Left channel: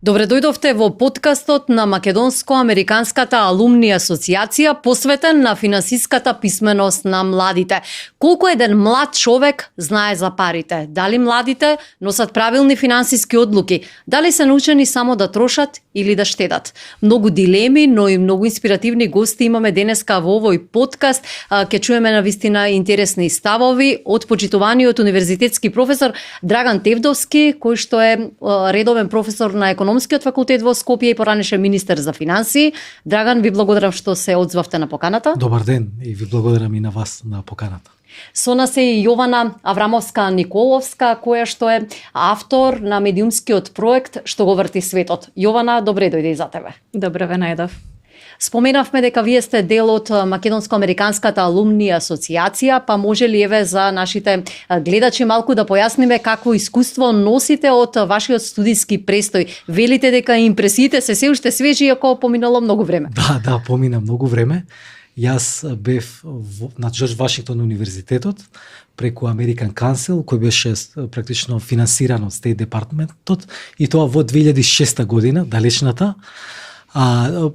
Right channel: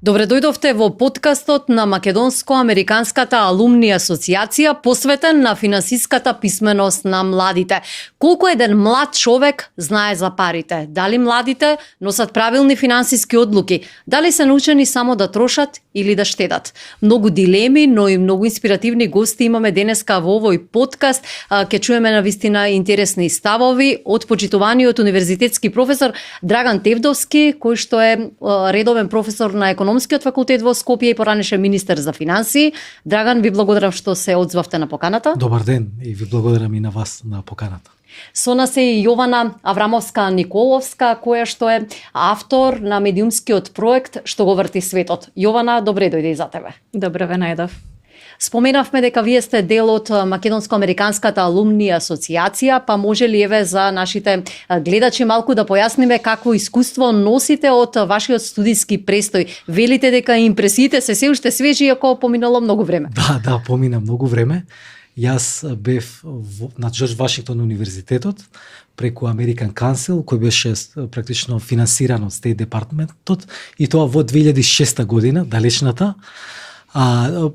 Добре дојдовте во подкастот на Македонско-Американската алумни асоциација, посветен на финансиската писменост на младите. Колку еден млад човек знае за парите? Дали младите носат правилни финансиски одлуки? Дали се научени само да трошат или да штедат? Многу дилеми, но и многу инспиративни гости имаме денеска во овој подкаст. Ке чуеме навистина интересни ставови од почитуваниот универзитетски професор Драган Тевдовски, кој што е редовен професор на Економскиот факултет во Скопје и поранеше министер за финансии. Драган, ви благодарам што се одзвавте на поканата. Добар ден и ви благодарам и на вас на поканата. Со нас е и Јована Аврамовска-Николовска, која што е автор на медиумскиот проект Што го врти светот. Јована, добре дојде и за тебе. Добре ве најдов. Споменавме дека вие сте дел од Македонско-Американската алумни асоциација, па може ли еве за нашите гледачи малку да појасниме какво искуство носите од вашиот студиски престој? Велите дека импресиите се уште свежи, иако поминало многу време. Да, помина многу време. Јас бев на Джордж Вашингтон универзитетот преку American Council, кој беше практично финансиран од State Department-от, и тоа во 2006 година, далечната.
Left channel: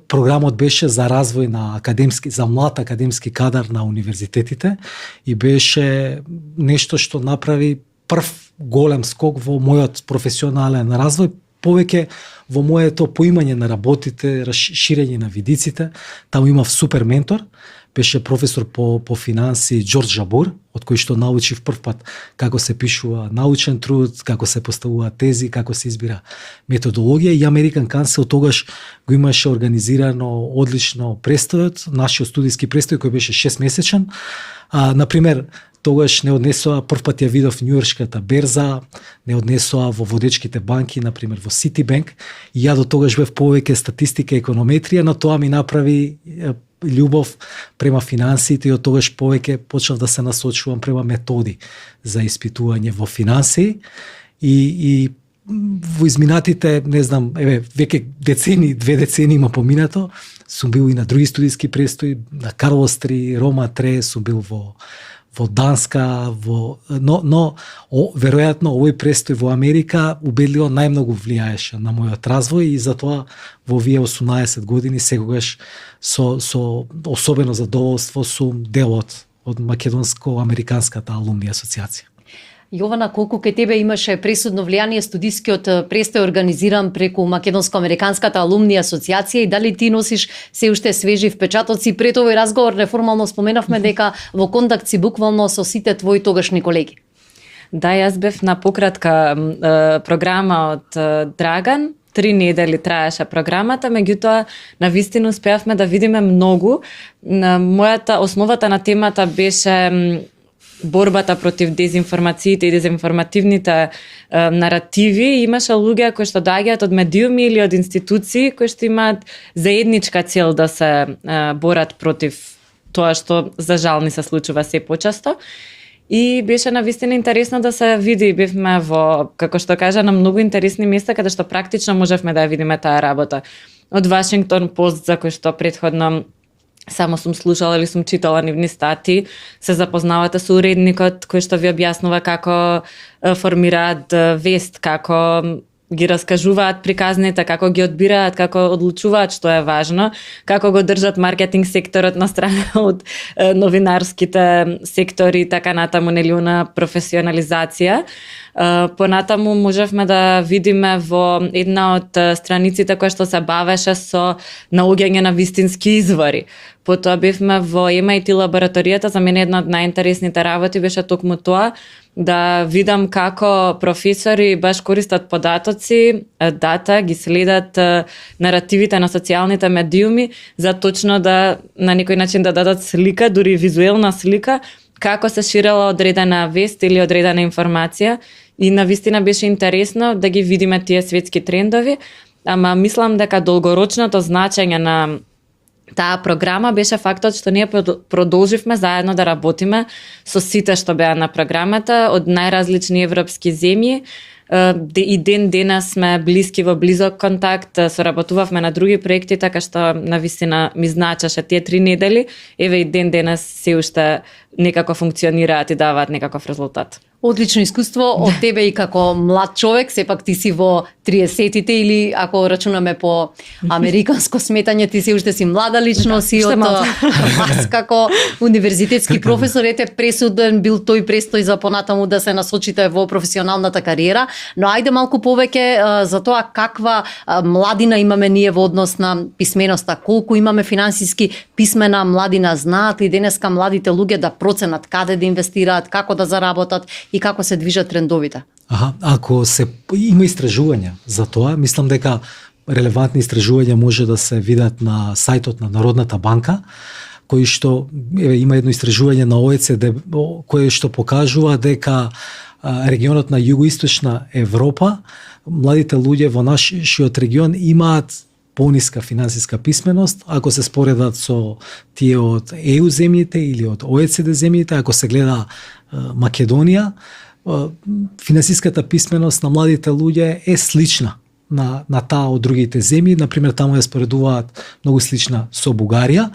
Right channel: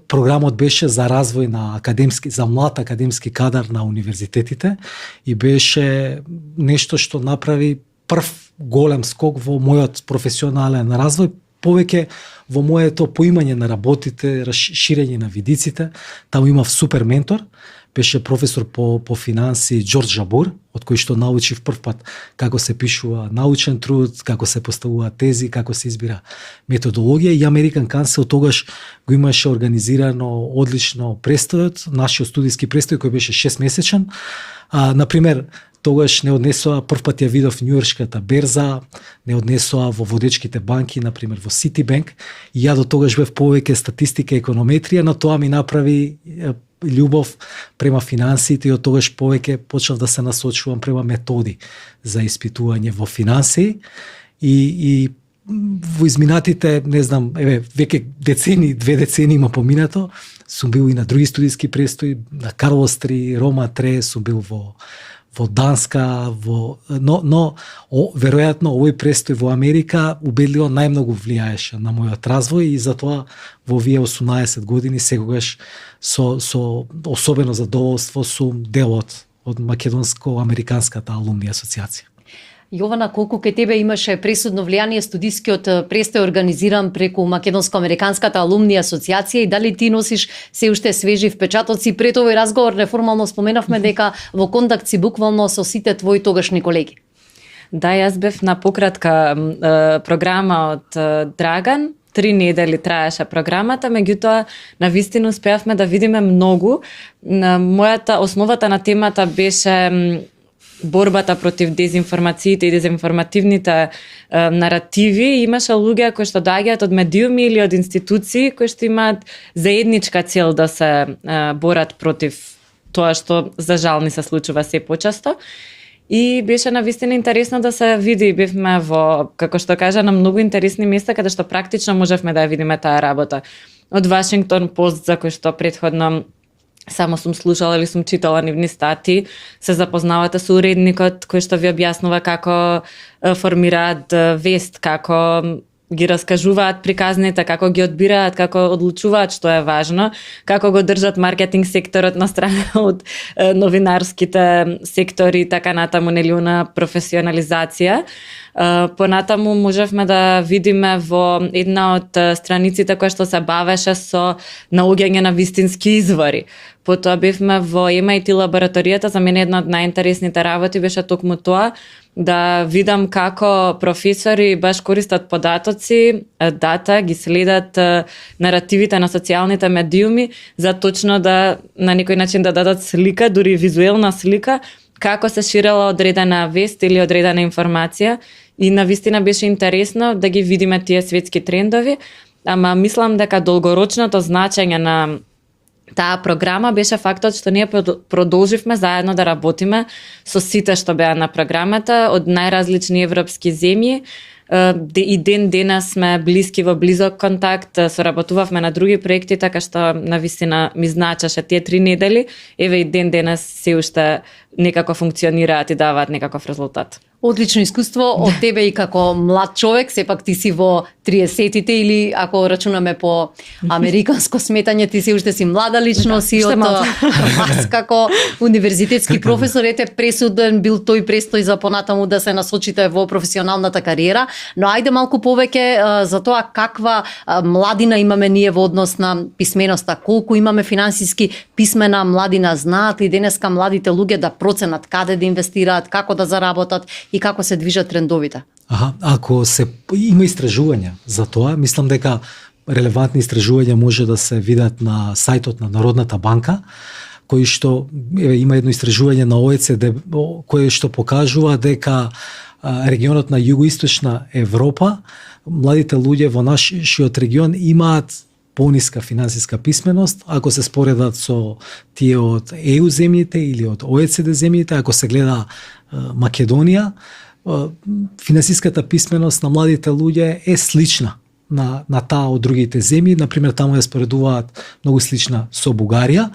Програмот беше за развој на за млад академски кадар на универзитетите и беше нешто што направи прв голем скок во мојот професионален развој, повеќе во моето поимање на работите, ширење на видиците. Таму имав супер ментор, беше професор по финансии Џорџ Жабор, од кој што научив прв пат како се пишува научен труд, како се поставува тези, како се избира методологија, и American Council тогаш го имаше организирано одлично престојот, нашиот студиски престој кој беше 6 месечен. Например, тогаш не однесоа, прв пат ја видов Њујоршката берза, не однесоа во водечките банки, например во Citibank, и ја до тогаш бев повеќе статистика и економетрија, на тоа ми направи љубов према финансиите и од тогаш повеќе почнав да се насочувам према методи за испитување во финансии и во изминатите, не знам, веќе две децени има поминато, сум бил и на други студиски престои, на Карлос 3, Рома 3, сум бил во Данска, но веројатно овој престој во Америка убедливо најмногу влијаеше на мојот развој и затоа во овие 18 години секогаш со особено задоволство сум дел од Македонско-Американската алумни асоциација. Јована, колку кај тебе имаше пресудно влијание студискиот престој организиран преку Македонско-Американската алумни асоциација и дали ти носиш се уште свежи впечатоци? Пред овој разговор неформално споменавме дека во контакт си буквално со сите твои тогашни колеги. Да, јас бев на пократка програма од Драган. 3 недели траеше програмата, меѓутоа на вистина успеавме да видиме многу. Основата на темата беше борбата против дезинформациите и дезинформативните наративи. Имаше луѓе кои што доаѓаат од медиуми или од институции кои што имаат заедничка цел да се борат против тоа што за жал ни се случува се почесто. И беше навистина интересно да се види. Бевме во, како што кажа, на многу интересни места каде што практично можевме да ја видиме таа работа. Од Вашингтон Пост, за кој што претходно само сум слушала или сум читала нивни стати, се запознавате со уредникот кој што ви објаснува како формираат вест, како ги раскажуваат приказните, како ги одбираат, како одлучуваат што е важно, како го држат маркетинг секторот на страна од новинарските сектори, така натаму нелиуна професионализација. Понатаму можевме да видиме во една од страниците која што се бавеше со наоѓање на вистински извори. Потоа бевме во MIT лабораторијата, за мене една од најинтересните работи беше токму тоа, да видам како професори баш користат податоци, дата, ги следат наративите на социјалните медиуми за точно да на некој начин да дадат слика, дури визуелна слика, како се ширела одредена вест или одредена информација. И навистина беше интересно да ги видиме тие светски трендови, ама мислам дека долгорочното значење на таа програма беше фактот што ние продолживме заедно да работиме со сите што беа на програмата од најразлични европски земји. И ден денес сме блиски во близок контакт, соработувавме на други проекти, така што навистина ми значеше тие 3 недели. Еве и ден денес се уште некако функционираат и даваат некаков резултат. Одлично искуство од тебе и како млад човек, сепак ти си во 30-тите или ако рачунаме по американско сметање, ти си уште си млада личност и уште од млад. вас како универзитетски професор ете пресуден бил тој престој за понатаму да се насочите во професионалната кариера, но ајде малку повеќе за тоа каква младина имаме ние во однос на писменоста, колку имаме финансиски писмена младина, знаат ли денеска младите луѓе да проценат каде да инвестираат, како да заработат и како се движат трендовите? Ако се има истражувања за тоа, мислам дека релевантни истражувања може да се видат на сајтот на Народната банка, кој што има едно истражување на ОЕЦД кое што покажува дека регионот на југоисточна Европа, младите луѓе во нашиот регион имаат пониска финансиска писменост, ако се споредат со тие од ЕУ земјите или од ОЕЦД земјите, ако се гледа Македонија, финансиската писменост на младите луѓе е слична на таа од другите земји. Например, таму ја споредуваат многу слична со Бугарија,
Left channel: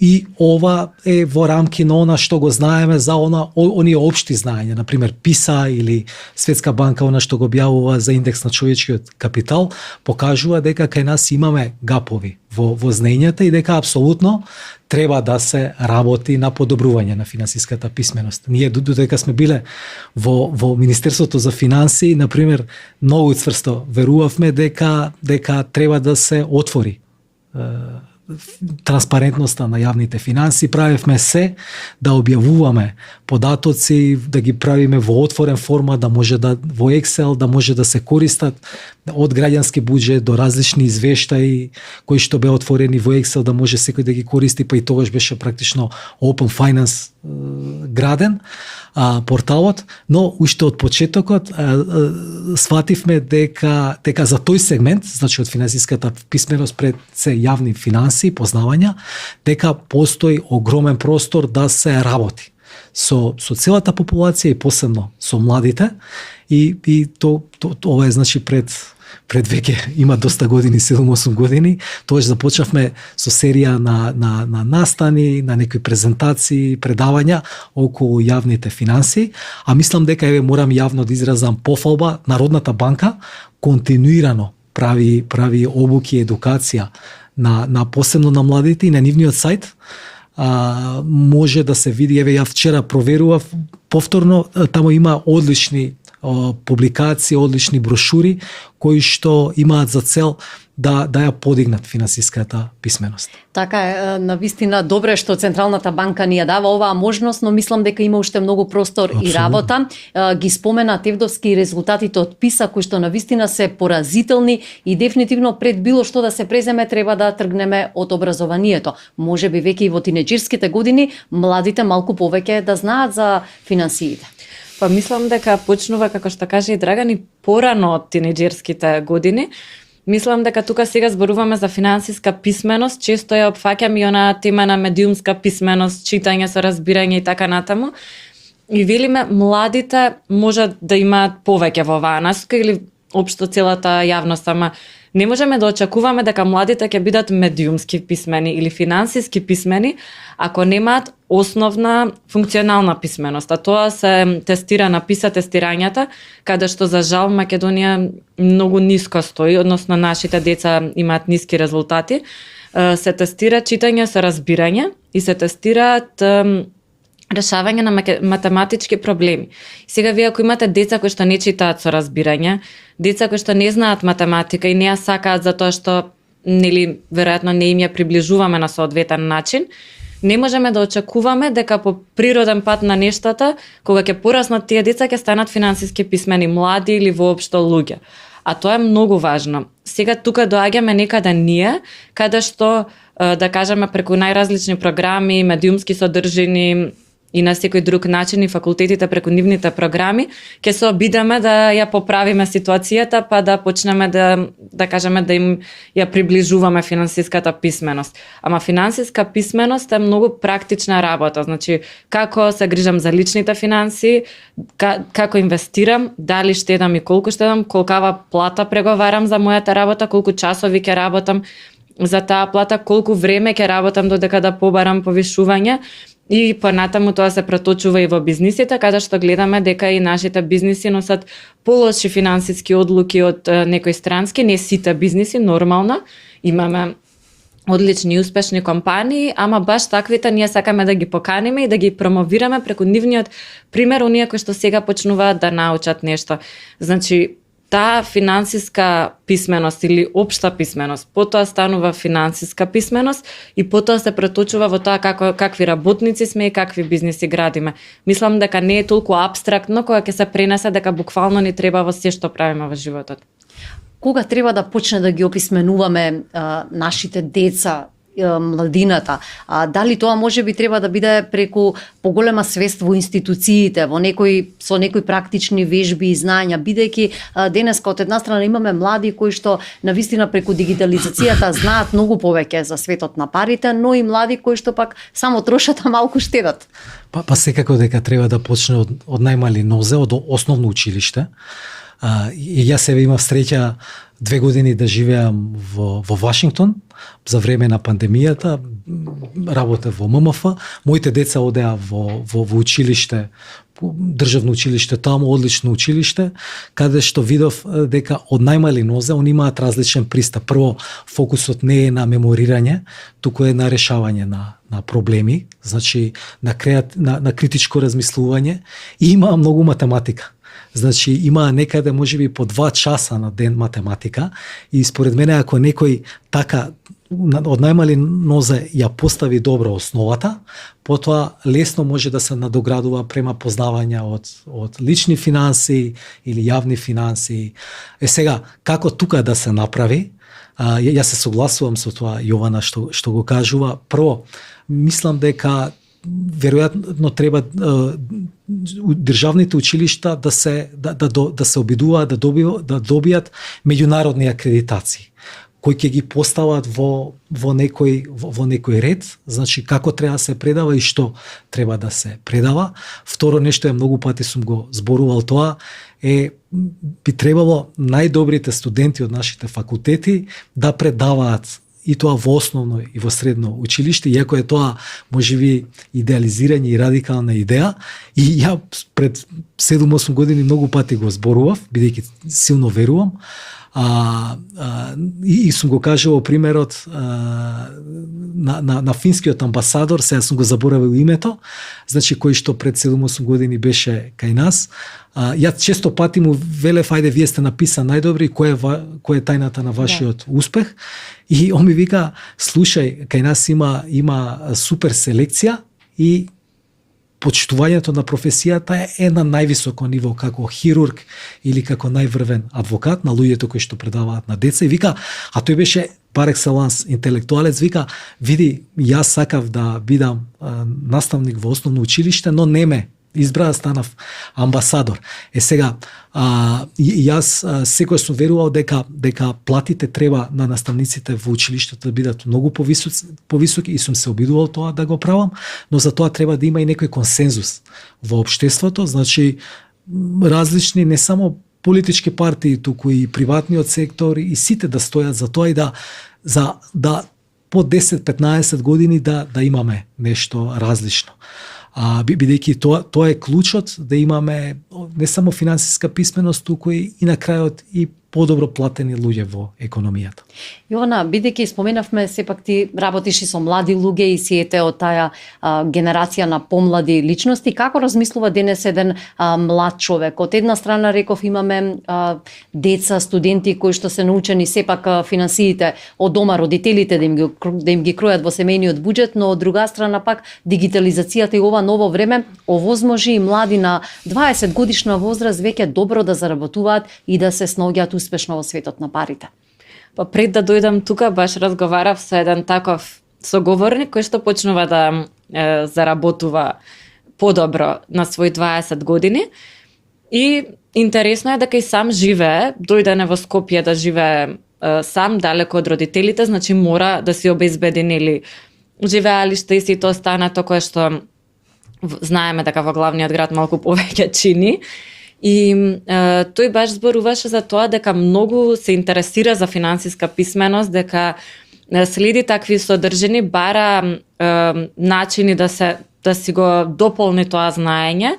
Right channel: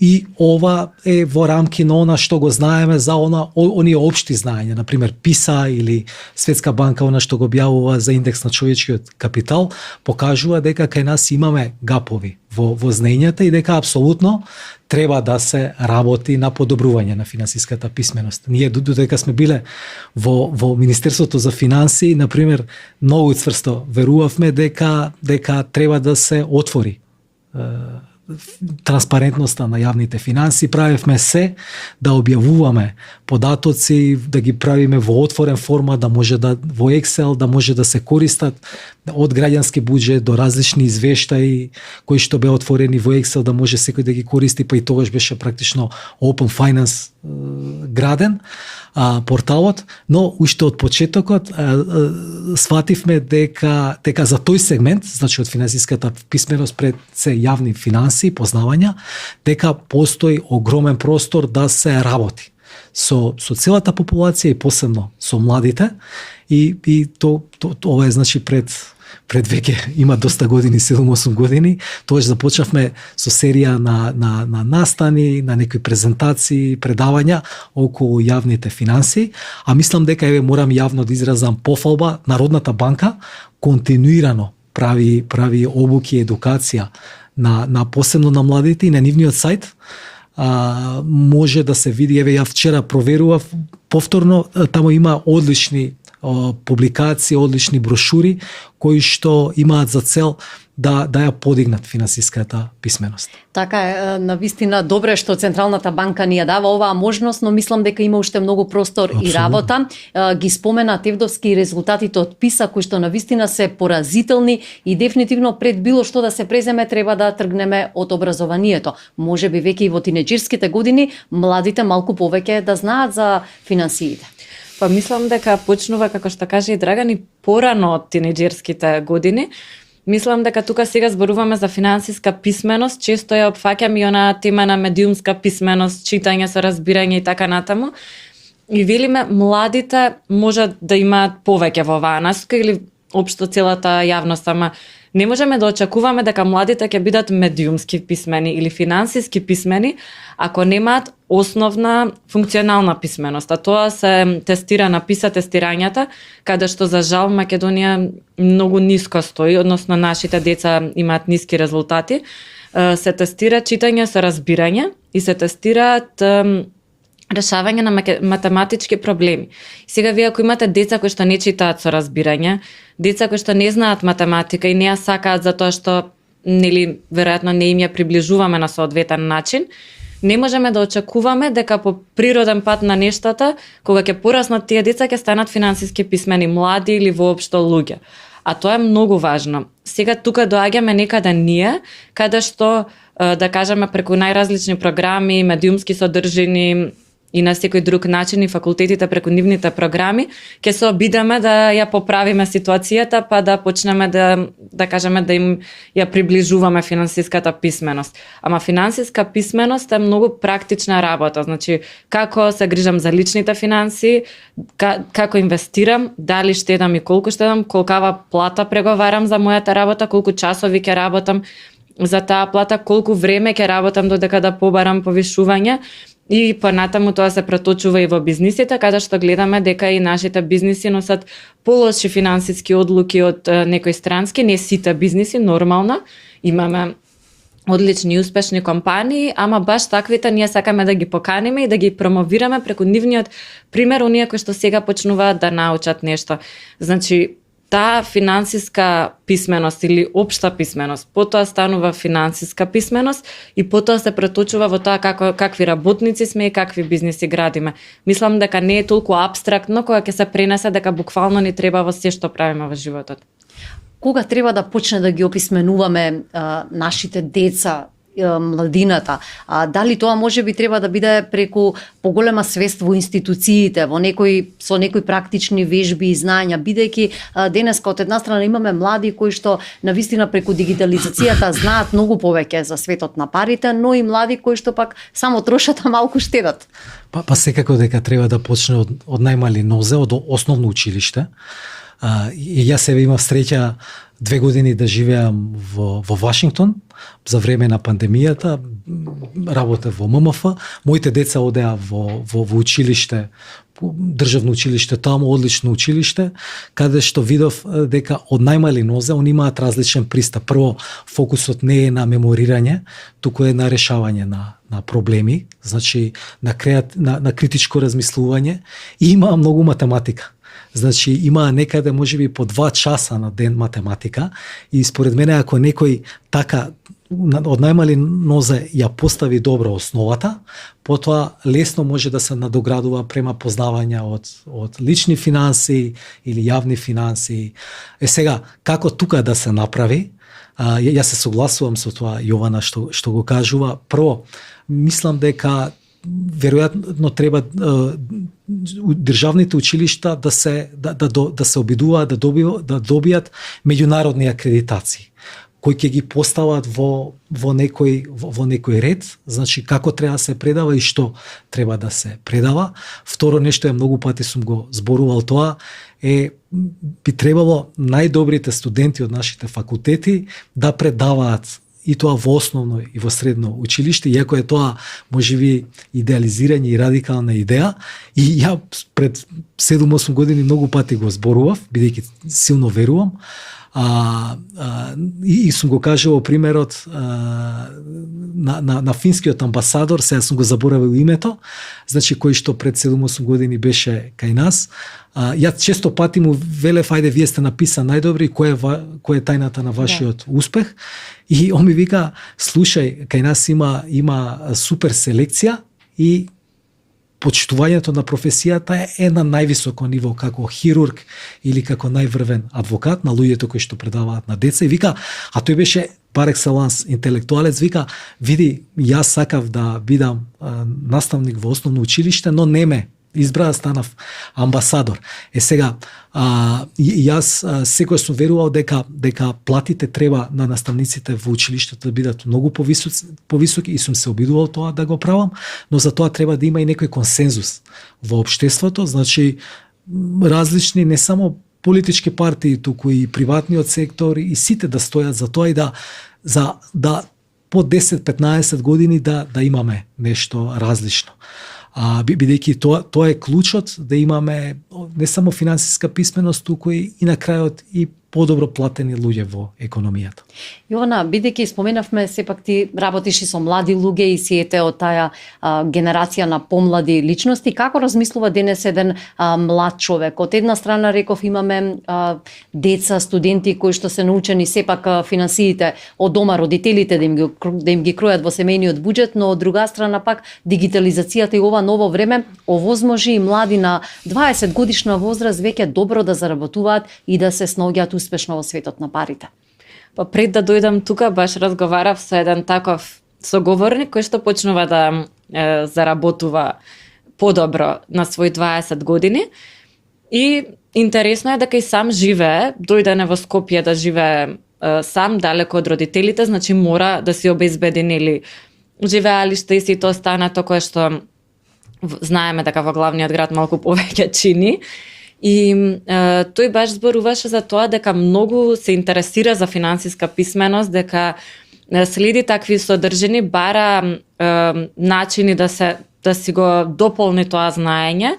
и ова е во рамки на она што го знаеме за оние општи знаења, например ПИСА или Светска банка, она што го објавува за индекс на човечкиот капитал, покажува дека кај нас имаме гапови во знаењата и дека апсолутно треба да се работи на подобрување на финансиската писменост. Ние додека сме биле во Министерството за финансии, например, многу цврсто верувавме дека треба да се отвори транспарентноста на јавните финанси, правевме се да објавуваме податоци, да ги правиме во отворен формат, да може да во Excel да може да се користат од граѓански буџет до различни извештаи кои што беа отворени во Excel, да може секој да ги користи, па и тогаш беше практично Open Finance граден порталот, но уште од почетокот свативме дека за тој сегмент, значи од финансиската писменост пред се јавни финанси, познавања, дека постои огромен простор да се работи со целата популација и посебно со младите, и ова е значи пред веќе има доста години, 7-8 години, тоаш започнавме со серија на настани, на некои презентации, предавања околу јавните финанси, а мислам дека морам јавно да изразам пофалба. Народната банка континуирано прави обуки и едукација на посебно на младите, и на нивниот сајт може да се види, ја вчера проверував повторно, таму има одлични публикации, одлични брошури кои што имаат за цел да ја подигнат финансиската писменост. Така е, навистина добре што Централната банка ни ја дава оваа можност, но мислам дека има уште многу простор и работа. Ги спомена Тевдовски резултатите од ПИСА кои што навистина се поразителни и дефинитивно пред било што да се преземе треба да тргнеме од образованието. Можеби веќе и во тинеџерските години младите малку повеќе да знаат за финансиите. Па мислам дека почнува, како што каже и Драган, и порано од тинеџерските години. Мислам дека тука сега зборуваме за финансиска писменост, често ја опфаќам и она тема на медиумска писменост, читање со разбирање и така натаму. И велиме младите можат да имаат повеќе во оваа насока или општо целата јавност, ама не можеме да очекуваме дека младите ќе бидат медиумски писмени или финансиски писмени ако немаат основна функционална писменост. А тоа се тестира на ПИСА тестирањата, каде што за жал Македонија многу ниско стои, односно нашите деца имаат ниски резултати. Се тестира читање со разбирање и се тестираат решавање на математички проблеми. Сега вие ако имате деца кои што не читаат со разбирање, деца кои што не знаат математика и не ја сакаат затоа што нели веројатно не им ја приближуваме на соодветен начин, не можеме да очекуваме дека по природен пат на нештата, кога ќе пораснат тие деца, ќе станат финансиски писмени млади или воопшто луѓе. А тоа е многу важно. Сега тука доаѓаме некаде ние, каде што да кажеме преку најразлични програми, медиумски содржини и на секој друг начин и факултетите преку нивните програми, ќе се обидеме да ја поправиме ситуацијата, па да почнеме да кажеме да им ја приближуваме финансиската писменост. Ама финансиска писменост е многу практична работа, значи како се грижам за личните финанси, како инвестирам, дали штедам и колку штедам, колкава плата преговарам за мојата работа, колку часови ќе работам за таа плата, колку време ќе работам додека да побарам повишување. И понатаму тоа се преточува и во бизнисите, каде што гледаме дека и нашите бизниси носат полоши финансиски одлуки од некои странски, не сите бизниси, нормално. Имаме одлични и успешни компании, ама баш таквите ние сакаме да ги поканиме и да ги промовираме преку нивниот пример, оние кои што сега почнуваат да научат нешто. Значи, таа финансиска писменост или општа писменост, потоа станува финансиска писменост и потоа се преточува во тоа какви работници сме и какви бизниси градиме. Мислам дека не е толку апстрактно кога ќе се пренесе дека буквално ни треба во се што правиме во животот. Кога треба да почне да ги описменуваме нашите деца, младината? Дали тоа може би треба да биде преку поголема свест во институциите, со некои практични вежби и знања, бидејќи денеска од една страна имаме млади кои што навистина преку дигитализацијата знаат многу повеќе за светот на парите, но и млади кои што пак само трошат, а малку штедат. Па секако дека треба да почне од најмали нозе, од основно училиште. И јас себе имав среќа 2 години да живеам во Вашингтон за време на пандемијата, работев во ММФ, моите деца одеа во училиште, државно училиште таму, одлично училиште, каде што видов дека од најмали нозе они имаат различен пристап. Прво, фокусот не е на меморирање, туку е на решавање на проблеми, значи на критичко размислување и има многу математика. Значи има некаде можеби по 2 часа на ден математика и според мене ако некој така од најмали нозе ја постави добро основата, потоа лесно може да се надоградува према познавања од лични финанси или јавни финанси. Сега, како тука да се направи? Јас се согласувам со тоа Јована што го кажува. Прво, мислам дека веројатно треба државните училишта да се обидуваат да добијат меѓународни акредитации кои ќе ги постават во некој ред, значи како треба да се предава и што треба да се предава. Второ нешто многу пати сум го зборувал тоа би требало најдобрите студенти од нашите факултети да предаваат и тоа во основно и во средно училиште, иако е тоа можеби идеализирање и радикална идеја. И ја пред 7-8 години многу пати го зборував, бидејќи силно верувам, и сум го кажувал примерот на финскиот амбасадор, сега сум го заборавил името, значи кој што пред 7-8 години беше кај нас. Јас често пати му велев, ајде вие сте написан најдобри, кој е тајната на вашиот успех? И он ми вика, слушај, кај нас има супер селекција и почитувањето на професијата е на највисоко ниво како хирург или како најврвен адвокат на луѓето кои што предаваат на деца. И вика, а тој беше пар екселанс интелектуалец, вика, види, јас сакав да бидам наставник во основно училиште, но не ме избра, станав амбасадор. Сега, јас секој сум верувал дека платите треба на наставниците во училиштето да бидат многу повисоки и сум се обидувал тоа да го правам, но за тоа треба да има и некој консензус во општеството, значи различни не само политички партии, туку и приватниот сектор и сите да стојат за тоа и да по 10-15 години да имаме нешто различно. Бидејќи тоа е клучот да имаме не само финансиска писменост, туку и на крајот и подобро платени луѓе во економијата. Јована, бидејќи споменавме, сепак ти работиш и со млади луѓе и си ете од таа генерација на помлади личности, како размислува денес еден млад човек? Од една страна реков имаме деца, студенти кои што се научени сепак финансиите од дома, родителите да им ги кројат во семејниот буџет, но од друга страна пак дигитализацијата и ова ново време овозможи и млади на 20 годишна возраст веќе добро да заработуваат и да се снаоѓаат успешно во светот на парите. Па пред да дојдам тука, баш разговарав со еден таков соговорник кој што почнува да заработува подобро на своји 20 години. И интересно е дека и сам живее, дојдене во Скопје да живее сам, далеко од родителите, значи мора да си обезбеди нели живеалиште и сите останато кое што знаеме дека во главниот град малку повеќе чини. И тој баш зборуваше за тоа дека многу се интересира за финансиска писменост, дека следи такви содржини, бара начини да се да си го дополни тоа знаење.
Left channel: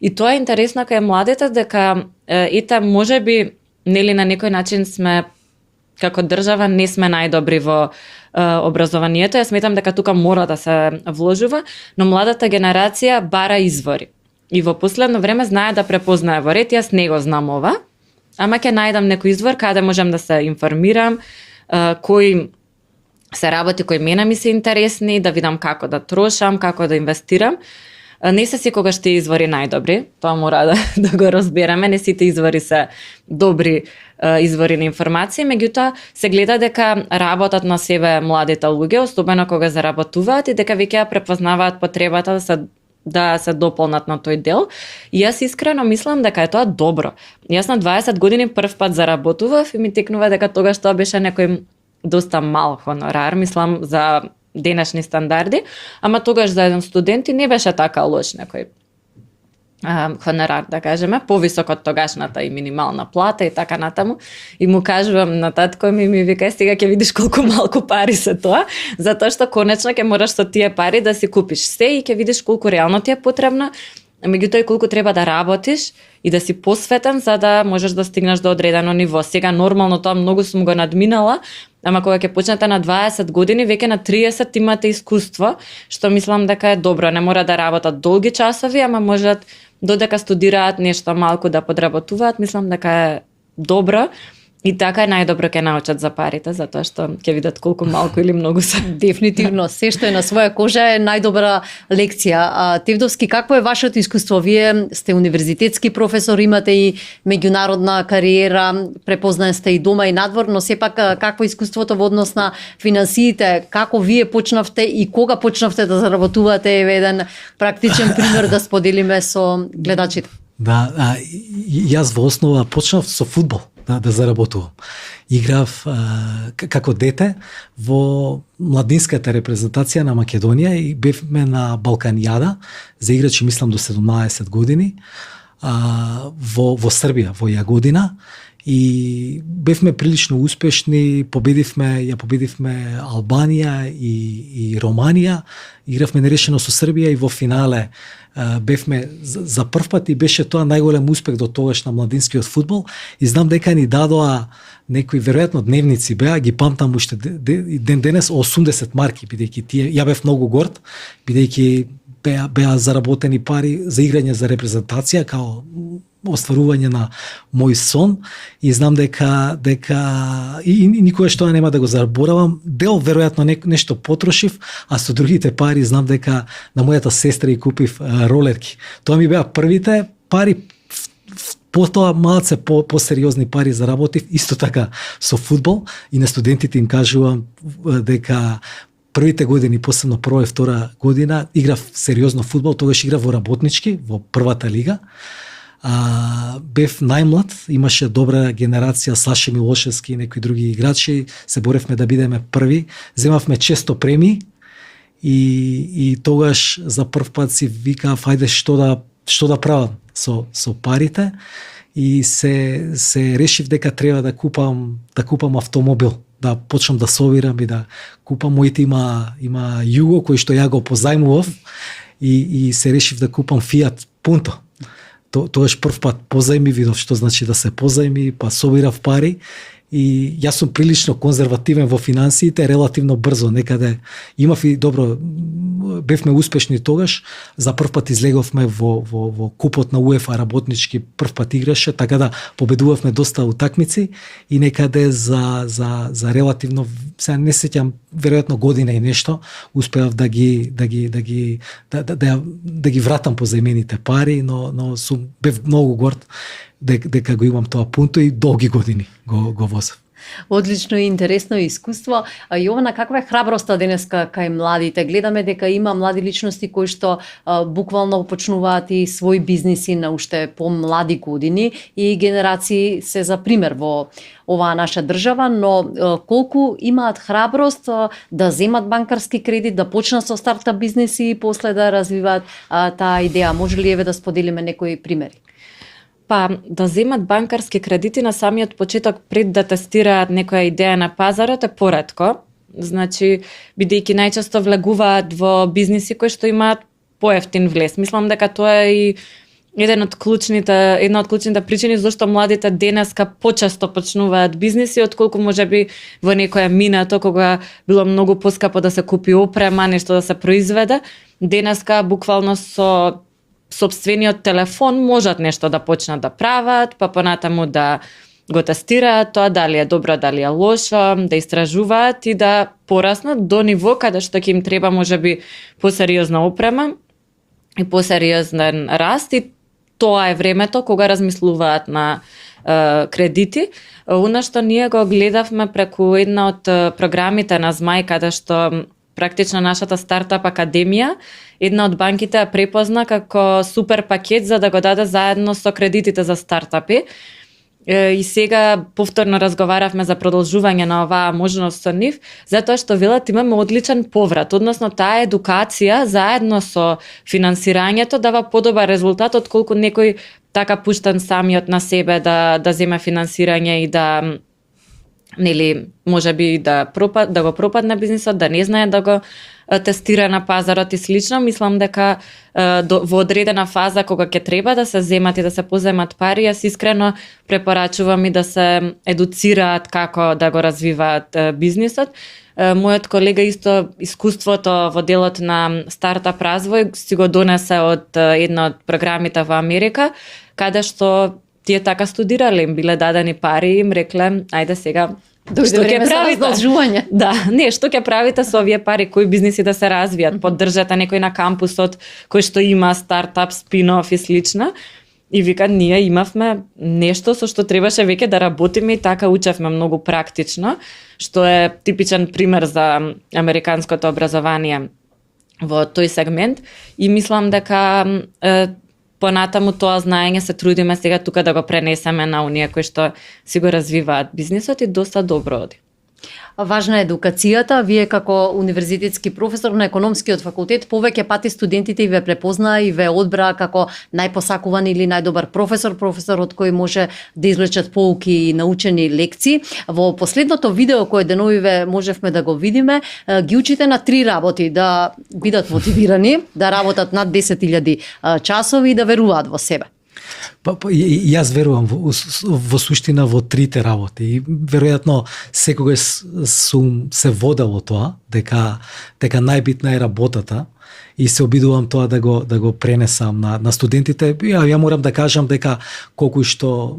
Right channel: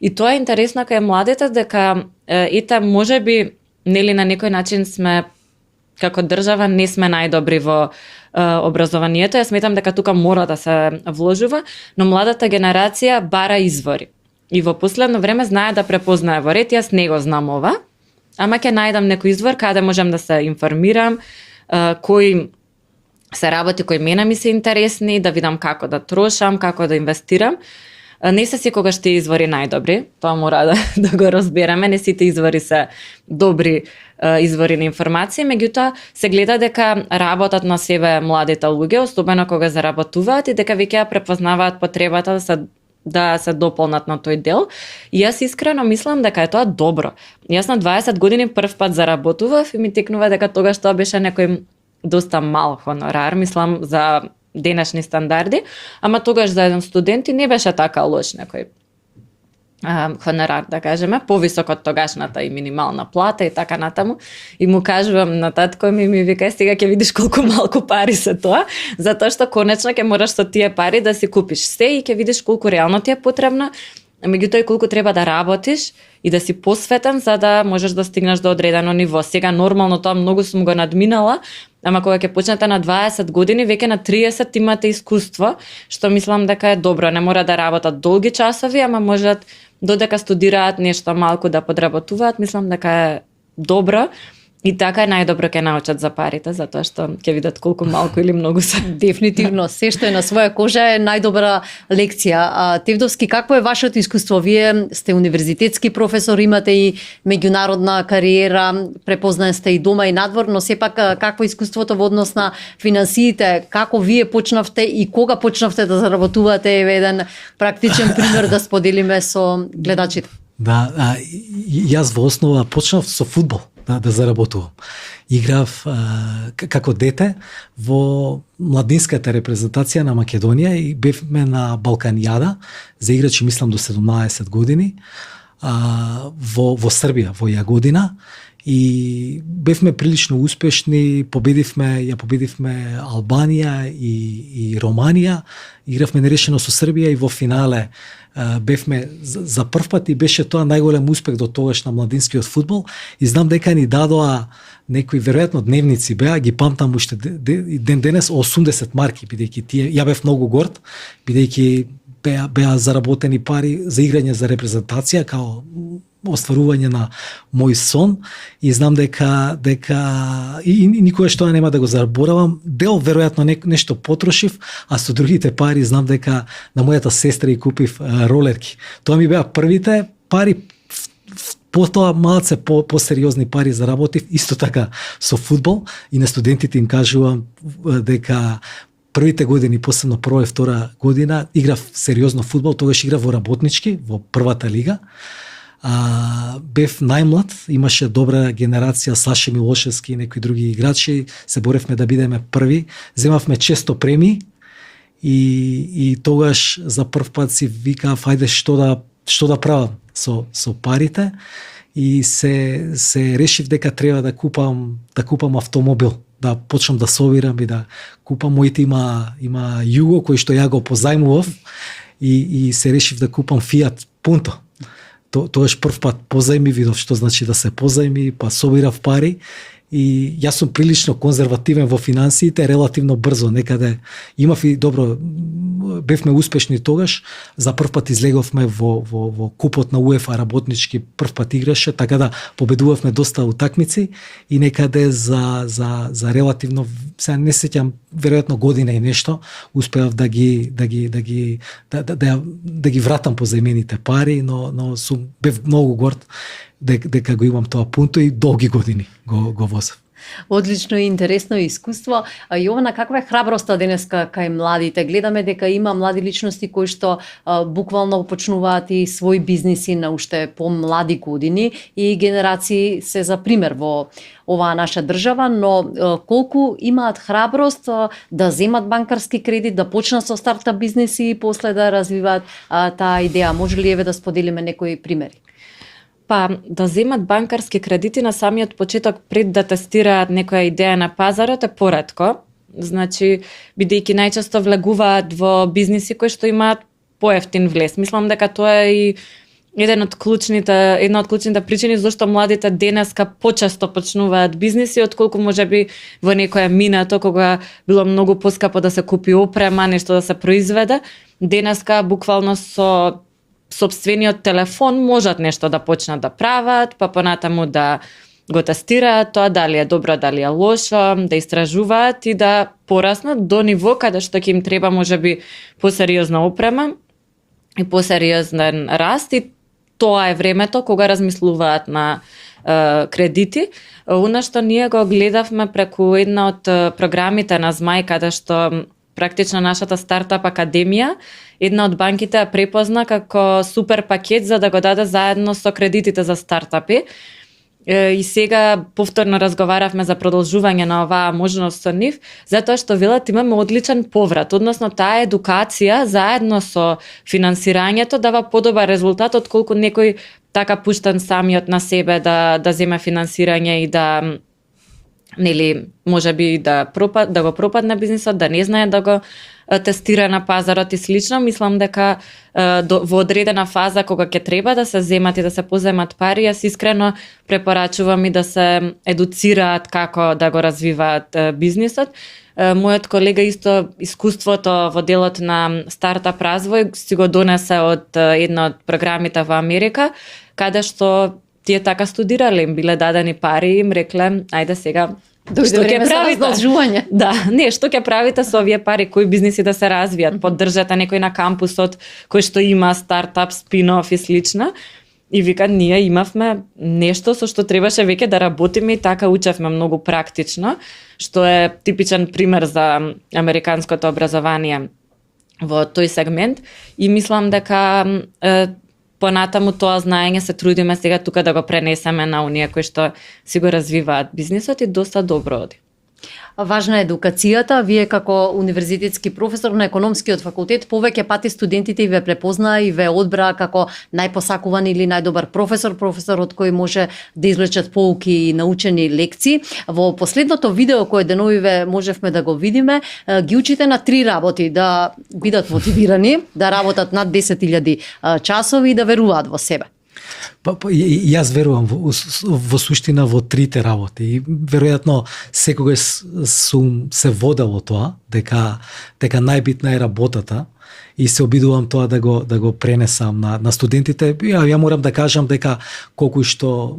И тоа е интересно кај младите, дека ете можеби нели на некој начин сме како држава не сме најдобри во образованието. Јас сметам дека тука мора да се вложува, но младата генерација бара извори. И во последно време знае да препознае во ред, јас не го знам ова, ама ќе најдам некој извор каде можам да се информирам, кои се работи кои мене ми се интересни, да видам како да трошам, како да инвестирам. Не се секогаш тие извори најдобри, тоа мора да го разбереме, не сите извори се добри извори на информација, меѓутоа се гледа дека работат на себе младите луѓе, особено кога заработуваат и дека веќе ја препознаваат потребата да се дополнат на тој дел. И јас искрено мислам дека е тоа добро. Јас на 20 години прв пат заработував и ми текнува дека тогаш тоа беше некој доста мал хонорар, мислам за денешни стандарди, ама тогаш за еден студент и не беше така лош некој хонорар, да кажеме, повисок од тогашната и минимална плата и така натаму. И му кажувам на татко ми вика, сега ќе видиш колку малку пари се тоа, затоа што конечно ќе мораш со тие пари да си купиш се и ќе видиш колку реално ти е потребно, меѓутоа и колку треба да работиш и да си посветен за да можеш да стигнеш до одредено ниво. Сега нормално тоа многу сум го надминала, ама кога ќе почнете на 20 години, веќе на 30 имате искуство, што мислам дека е добро. Не мора да работат долги часови, ама можат додека студираат нешто малку да подработуваат, мислам дека е добро. И така е најдобро ќе научат за парите, затоа што ќе видат колку малку или многу се. Дефинитивно, се што е на своја кожа е најдобра лекција. Тевдовски, какво е вашето искуство? Вие сте универзитетски професор, имате и меѓународна кариера, препознаен сте и дома и надвор, но сепак какво е искуството во однос на финансиите? Како вие почнавте и кога почнавте да заработувате? Еве еден практичен пример да споделиме со гледачите. Да, јас во основа почнав со фудбал. Да заработувам. Играв како дете во младинската репрезентација на Македонија и бевме на Балканијада за играчи, мислам, до 17 години во Србија, во Јагодина. И бевме прилично успешни, победивме Албанија и Романија, игравме нерешено со Србија и во финале бевме за прв пат и беше тоа најголем успех до тогаш на младинскиот фудбал и знам дека ни дадоа некои веројатно дневници беа, ги памтам уште ден денес 80 марки, бидејќи тие ја бев многу горд, бидејќи беа заработени пари за играње за репрезентација као остварување на мој сон и знам дека и никогаш тоа нема да го заборавам. Дел веројатно нешто потрошив, а со другите пари знам дека на мојата сестра и купив ролерки. Тоа ми беа првите пари, потоа малце посериозни пари заработив, исто така со фудбал и на студентите им кажувам дека првите години, посебно прва и втора година, играв сериозно фудбал, тогаш играв во работнички, во првата лига. Бев најмлад, имаше добра генерација, Саше Милошевски и некои други играчи, се боревме да бидеме први, земавме често премии и тогаш за прв пат си викав, ајде што да правам со парите и се решив дека треба да купам автомобил, да почнам да собирам и да купам. Моите има Југо кој што ја го позајмував и се решив да купам Фиат Пунто. Тогаш прв пат позајми, видов што значи да се позајми, па собирав пари и јас сум прилично конзервативен во финансиите, релативно брзо некаде имав и добро, бевме успешни тогаш, за прв пат излеговме во купот на УЕФА работнички, прв пат играше, така да победувавме доста утакмици и некаде за релативно, сега не сеќам, веројатно година и нешто, успеав да ги вратам позајмените пари, но бев многу горд дека го имам тоа Пунто и долги години го возам. Одлично и интересно искуство. Јована, каква е храброста денеска кај младите? Гледаме дека има млади личности кои што буквално почнуваат и своји бизниси на уште помлади години и генерации се за пример во оваа наша држава, но колку имаат храброст да земат банкарски кредит, да почнат со стартап бизниси и после да развиваат таа идеја? Може ли да споделиме некои примери? Па, да земат банкарски кредити на самиот почеток пред да тестираат некоја идеја на пазарот е поретко. Значи, бидејќи најчесто влегуваат во бизниси кои што имаат поевтин влез. Мислам дека тоа е и една од клучните причини зашто младите денеска почесто почнуваат бизниси, отколку можеби во некоја минато кога било многу поскапо да се купи опрема, нешто да се произведе. Денеска буквално со сопствениот телефон можат нешто да почнат да прават, па понатаму да го тестираат тоа дали е добро, дали е лошо, да истражуваат и да пораснат до ниво каде што ќе им треба можеби посериозна опрема и посериозен раст, и тоа е времето кога размислуваат на кредити. Она што ние го гледавме преку една од програмите на Змај, каде што практично нашата стартап академија, една од банките ја препозна како супер пакет за да го даде заедно со кредитите за стартапи. И сега повторно разговаравме за продолжување на оваа можност со нив, затоа што велат имаме одличен поврат, односно таа едукација заедно со финансирањето дава подобар резултат отколку некој така пуштен самиот на себе да земе финансирање и да можеби да го пропадне бизнисот, да не знае да го тестира на пазарот и слично. Мислам дека во одредена фаза кога ќе треба да се земат и да се поземат пари, јас искрено препорачувам и да се едуцираат како да го развиваат бизнисот. Мојот колега исто искуството во делот на стартап развој си го донесе од една од програмите во Америка, каде што тие така студирале, им биле дадени пари и им рекле, ајде сега Што ќе правите? Да, што ќе правите со овие пари, кои бизниси да се развијат, поддржате некој на кампусот кој што има стартап, спин-оф и слично. И вика, ние имавме нешто со што требаше веќе да работиме и така учевме многу практично, што е типичен пример за американското образование во тој сегмент. И мислам дека понатаму тоа знаење се трудиме сега тука да го пренесеме на оние кои што си го развиваат бизнисот и доста добро оди. Важна е едукацијата. Вие како универзитетски професор на економскиот факултет повеќе пати студентите ве препознаа и ве одбраа како најпосакуван или најдобар професор од кој може да извлечат поуки и научени лекции. Во последното видео кое деновиве можевме да го видиме, ги учите на 3 работи: да бидат мотивирани, да работат над 10.000 часови и да веруваат во себе. Јас верувам во суштина во трите работи и веројатно секогаш сум се водел тоа дека најбитна е работата и се обидувам тоа да го пренесам на студентите. Ја морам да кажам дека колку што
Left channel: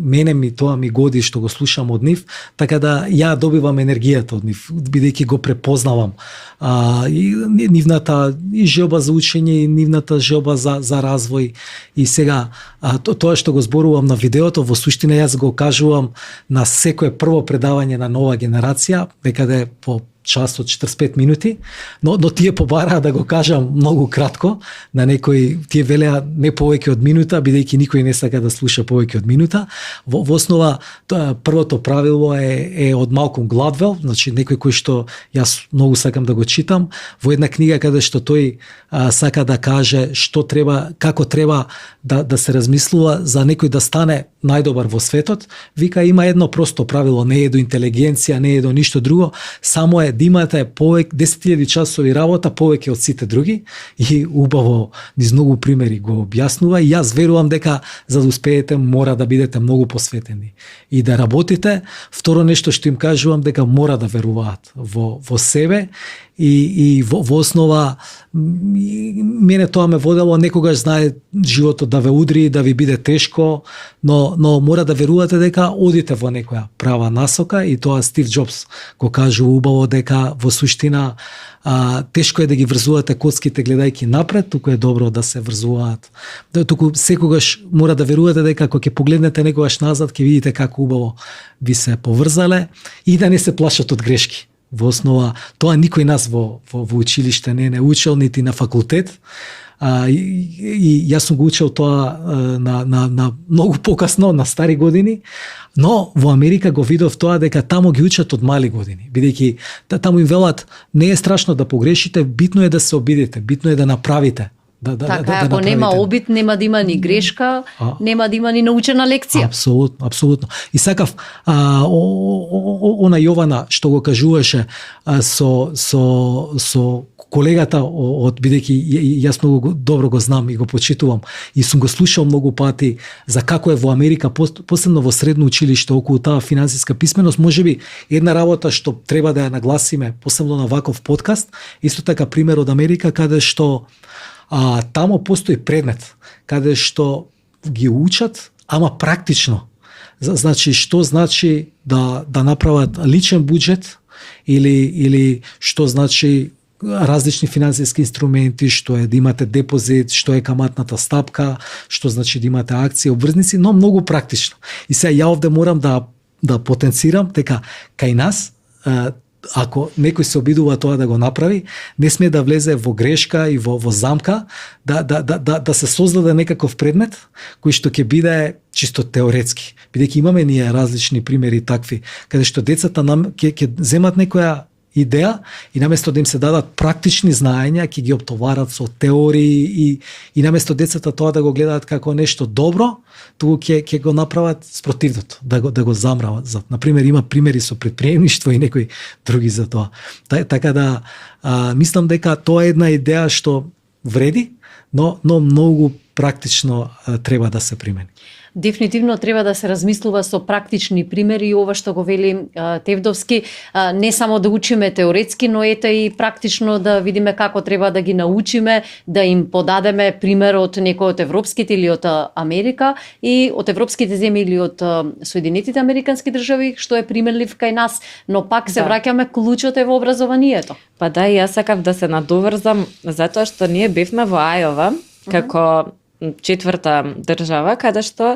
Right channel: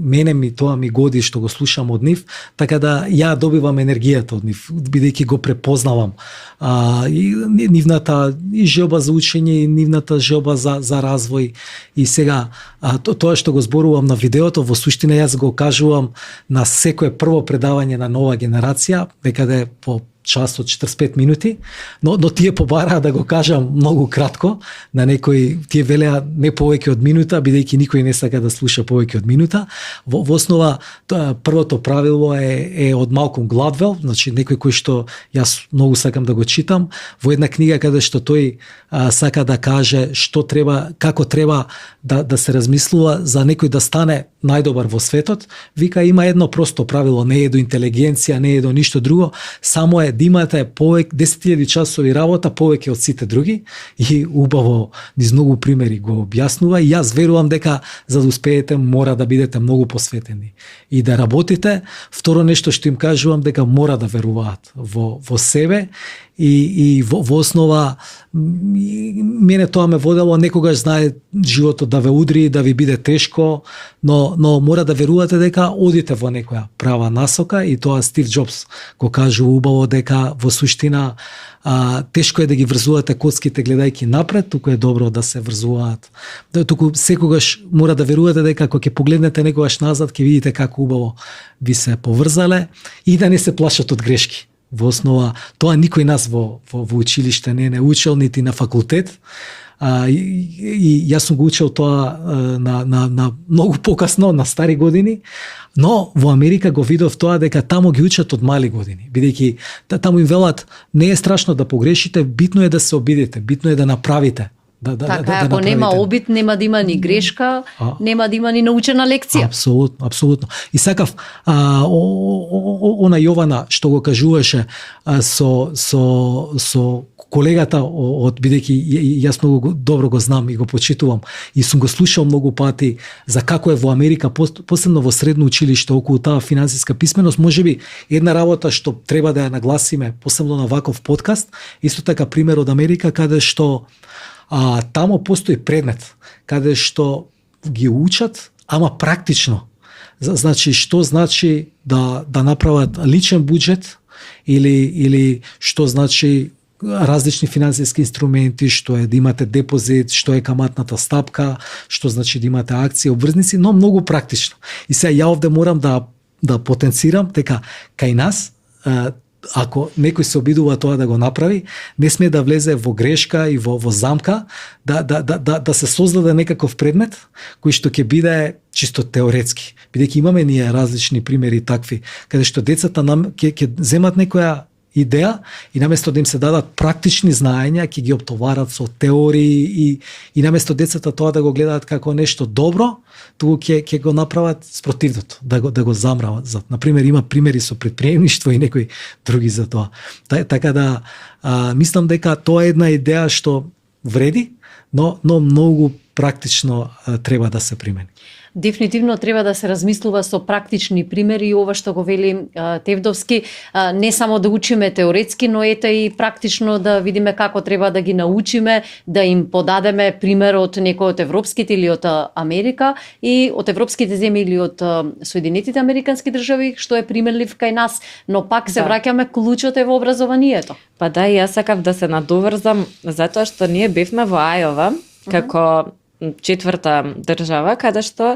мене ми годи што го слушам од нив, така да ја добивам енергијата од нив, бидејќи го препознавам и нивната и желба за учење, и нивната желба за развој. И сега тоа што го зборувам на видеото, во суштина јас го кажувам на секое прво предавање на нова генерација, дека по час од 45 минути, но тие побараа да го кажам многу кратко, на некои тие велеа не повеќе од минута, бидејќи никој не сака да слуша повеќе од минута. Во основа првото правило е од Малком Гладвел, значи некој кој што јас многу сакам да го читам, во една книга каде што тој сака да каже што треба, како треба да се размислува за некој да стане најдобар во светот. Вика, има едно просто правило, не е до интелигенција, не е до ништо друго, само е да имате повеќе 10.000 часови работа повеќе од сите други, и убаво низ многу примери го објаснува. И јас верувам дека за да успеете мора да бидете многу посветени и да работите. Второ нешто што им кажувам, дека мора да веруваат во себе и во основа мене тоа ме водело, некогаш знае животот да ве удри, да ви биде тешко, но мора да верувате дека одите во некоја права насока, и тоа Стив Џобс го кажува убаво, дека во суштина тешко е да ги врзувате коцките гледајќи напред, туку е добро да се врзуваат. Туку секогаш мора да верувате дека кога ќе погледнете некогаш назад, ќе видите како убаво ви се поврзале и да не се плашат од грешки. Во основа, тоа никој нас во училиште не учел, нити на факултет. И јас сум го учел тоа на многу покасно, на стари години, но во Америка го видов тоа дека таму ги учат од мали години, бидејќи таму им велат не е страшно да погрешите, битно е да се обидите, битно е да направите. Ако нема обид, нема да има ни грешка, нема да има ни научена лекција. Апсолутно. И сакав она Јована што го кажуваше со колегата од бидејќи јас многу добро го знам и го почитувам и сум го слушал многу пати за како е во Америка, посебно во средно училиште околу таа финансиска писменост, можеби една работа што треба да ја нагласиме, посебно на ваков подкаст, исто така пример од Америка каде што тамо постои предмет каде што ги учат, ама практично. Значи, што значи да направат личен буџет или што значи различни финансиски инструменти, што е да имате депозит, што е каматната стапка, што значи да имате акции, обврзници, но многу практично. И сега ја овде морам да потенцирам дека кај нас ако некој се обидува тоа да го направи, не смее да влезе во грешка и во замка да се создаде некаков предмет кој што ќе биде чисто теоретски. Бидејќи имаме ние различни примери такви, каде што децата ќе земат некоја идеја и наместо да им се дадат практични знаења, ќе ги оптоварат со теории и наместо децата тоа да го гледаат како нешто добро, туку ќе го направат спротивното, да го замрават. Например, има примери со претприемништво и некои други за тоа. Така да мислам дека тоа е една идеја што вреди, но многу практично треба да се примени. Дефинитивно треба да се размислува со практични примери и ова што го вели Тевдовски, не само да учиме теоретски, но ете и практично да видиме како треба да ги научиме, да им подадеме пример од некој од европските или од Америка и од европските земји или од Соединетите американски држави, што е применлив кај нас, но пак се враќаме клучот е во образованието. Па да, јас сакав да се надоврзам затоа што ние бевме во Ајова како четврта држава, каде што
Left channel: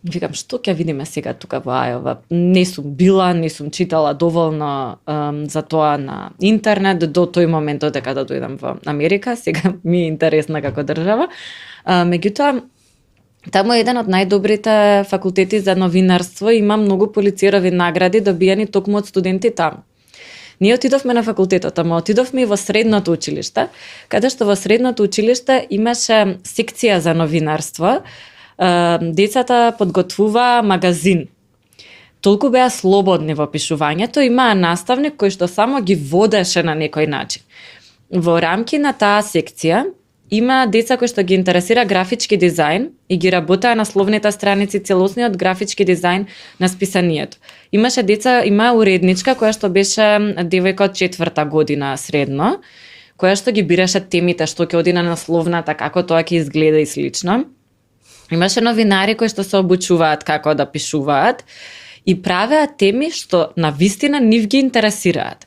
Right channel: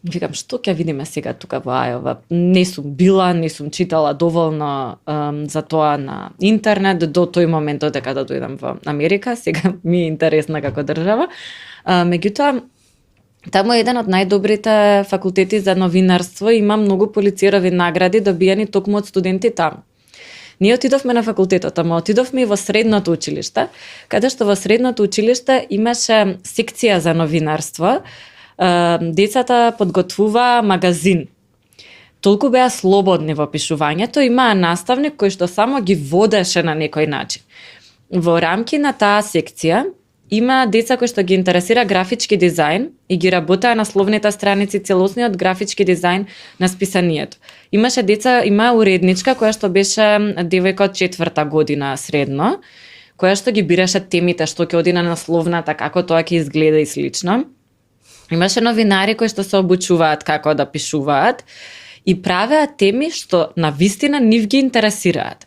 викам, што ќе видиме сега тука во Ајова? Не сум била, не сум читала доволно за тоа на интернет до тој момент додека да дојдам во Америка. Сега ми е интересна како држава. Меѓутоа, таму е еден од најдобрите факултети за новинарство, има многу Пулицерови награди добиени токму од студенти таму. Ние отидовме на факултетот, ама отидовме и во средното училиште, каде што во средното училиште имаше секција за новинарство. Децата подготвува магазин. Толку беа слободни во пишувањето, имаа наставник кој што само ги водеше на некој начин. Во рамки на таа секција има деца кои што ги интересира графички дизајн и ги работеа на словните страници целосниот графички дизајн на списанието. Имаше деца, има уредничка која што беше девојка од четврта година средно, која што ги бираше темите што ќе оди на насловната, како тоа ќе изгледа и слично. Имаше новинари кои што се обучуваат како да пишуваат и правеа теми што на вистина нив ги интересираат.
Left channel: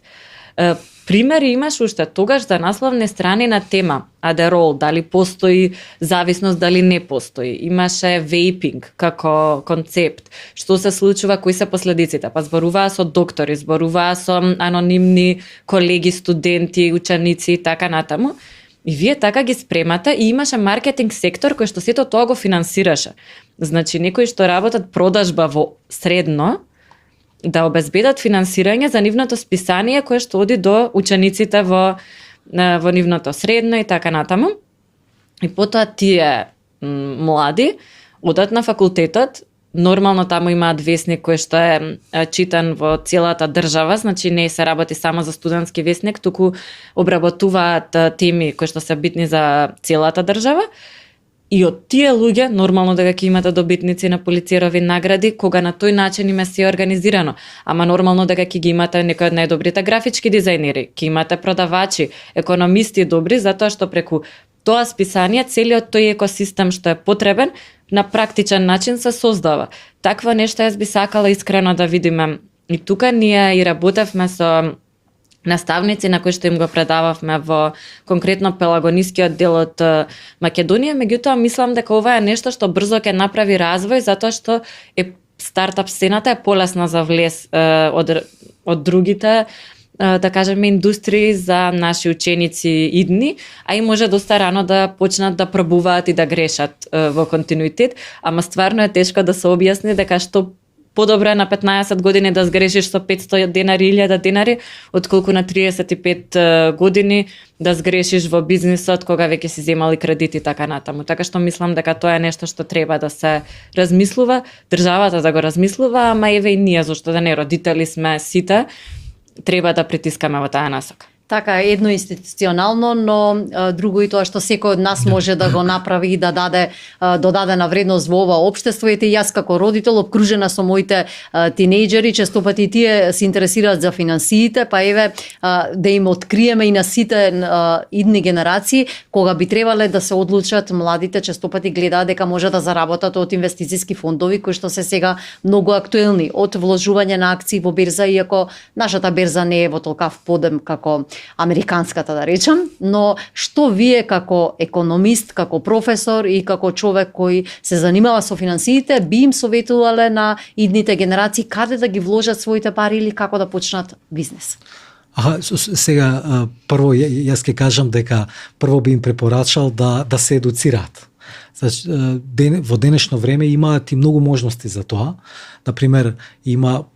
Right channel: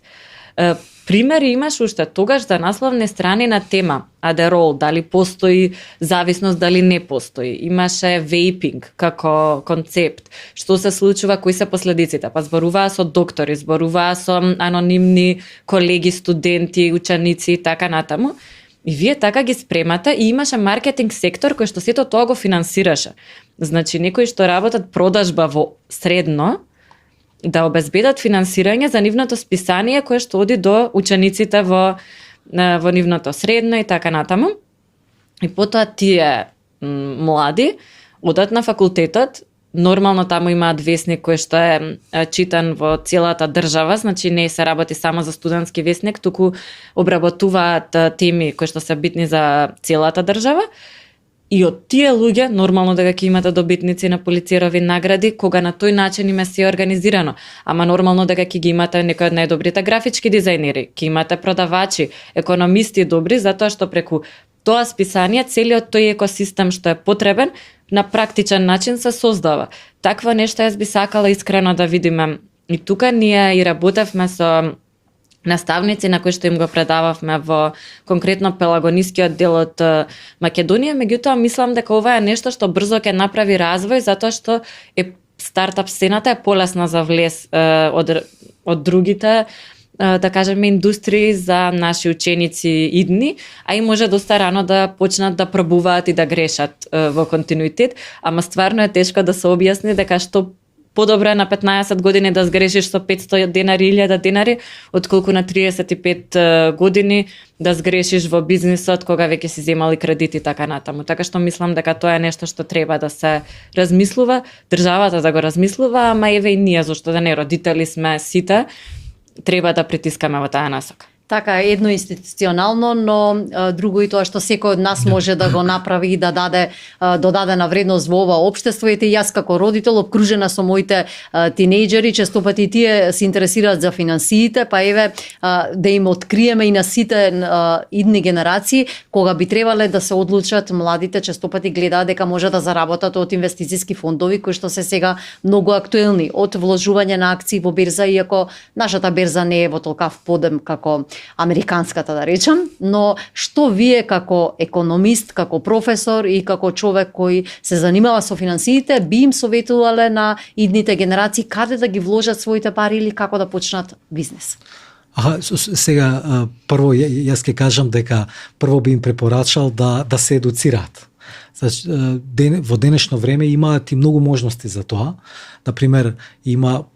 Примери имаш уште тогаш за насловни страни на тема Адерол, дали постои зависност, дали не постои. Имаше вейпинг како концепт, што се случува, кои се последиците. Па зборуваа со доктори, зборуваа со анонимни колеги, студенти, ученици и така натаму. И вие така ги спремате и имаше маркетинг сектор кој што сето тоа го финансираше. Значи, некои што работат продажба во средно, да обезбедат финансирање за нивното списание кое што оди до учениците во нивното средно и така натаму. И потоа тие млади одат на факултетот, нормално таму имаат весник кој што е читан во целата држава, значи не се работи само за студентски весник, туку обработуваат теми кои што се битни за целата држава. И од тие луѓе, нормално дека ќе имате добитници на Пулицерови награди, кога на тој начин им е се организирано. Ама нормално дека ќе ги имате некои од најдобрите графички дизајнери, ќе имате продавачи, економисти добри, затоа што преку тоа списание целиот тој екосистем што е потребен на практичен начин се создава. Такво нешто јас би сакала искрено да видиме. И тука ние и работевме со наставници на кои што им го предававме во конкретно пелагонискиот дел од Македонија, меѓутоа мислам дека ова е нешто што брзо ќе направи развој затоа што е стартап сцената е полесна за влез од другите да кажеме индустрии за наши ученици идни, а и може доста рано да почнат да пробуваат и да грешат во континуитет, ама стварно е тешко да се објасни дека што подобро е на 15 години да сгрешиш со 500 денари, 1000 денари, отколку на 35 години да сгрешиш во бизнисот кога веќе си земали кредити и така натаму. Така што мислам дека тоа е нешто што треба да се размислува, државата да го размислува, ама еве и ние, зашто да не, родители сме сите, треба да притискаме во таа насока. Така, едно институционално, но друго и тоа што секој од нас може да го направи и да даде додадена вредност во ова општество. Ете, јас како родител обкружена со моите тинејџери, често пати и тие се интересираат за финансиите, па еве да им откриеме и на сите идни генерации, кога би требале да се одлучат младите, често пати гледаат дека може да заработат од инвестициски фондови кои што се сега многу актуелни, од вложување на акции во берза, иако нашата берза не е во толкав подем како американската, да речам, но што вие како економист, како професор и како човек кој се занимава со финансиите, би им советувале на идните генерации каде да ги вложат своите пари или како да почнат бизнес? Сега, прво, јас ќе кажам дека прво би им препорачал да се едуцираат. Значи, во денешно време имаат и многу можности за тоа. Например,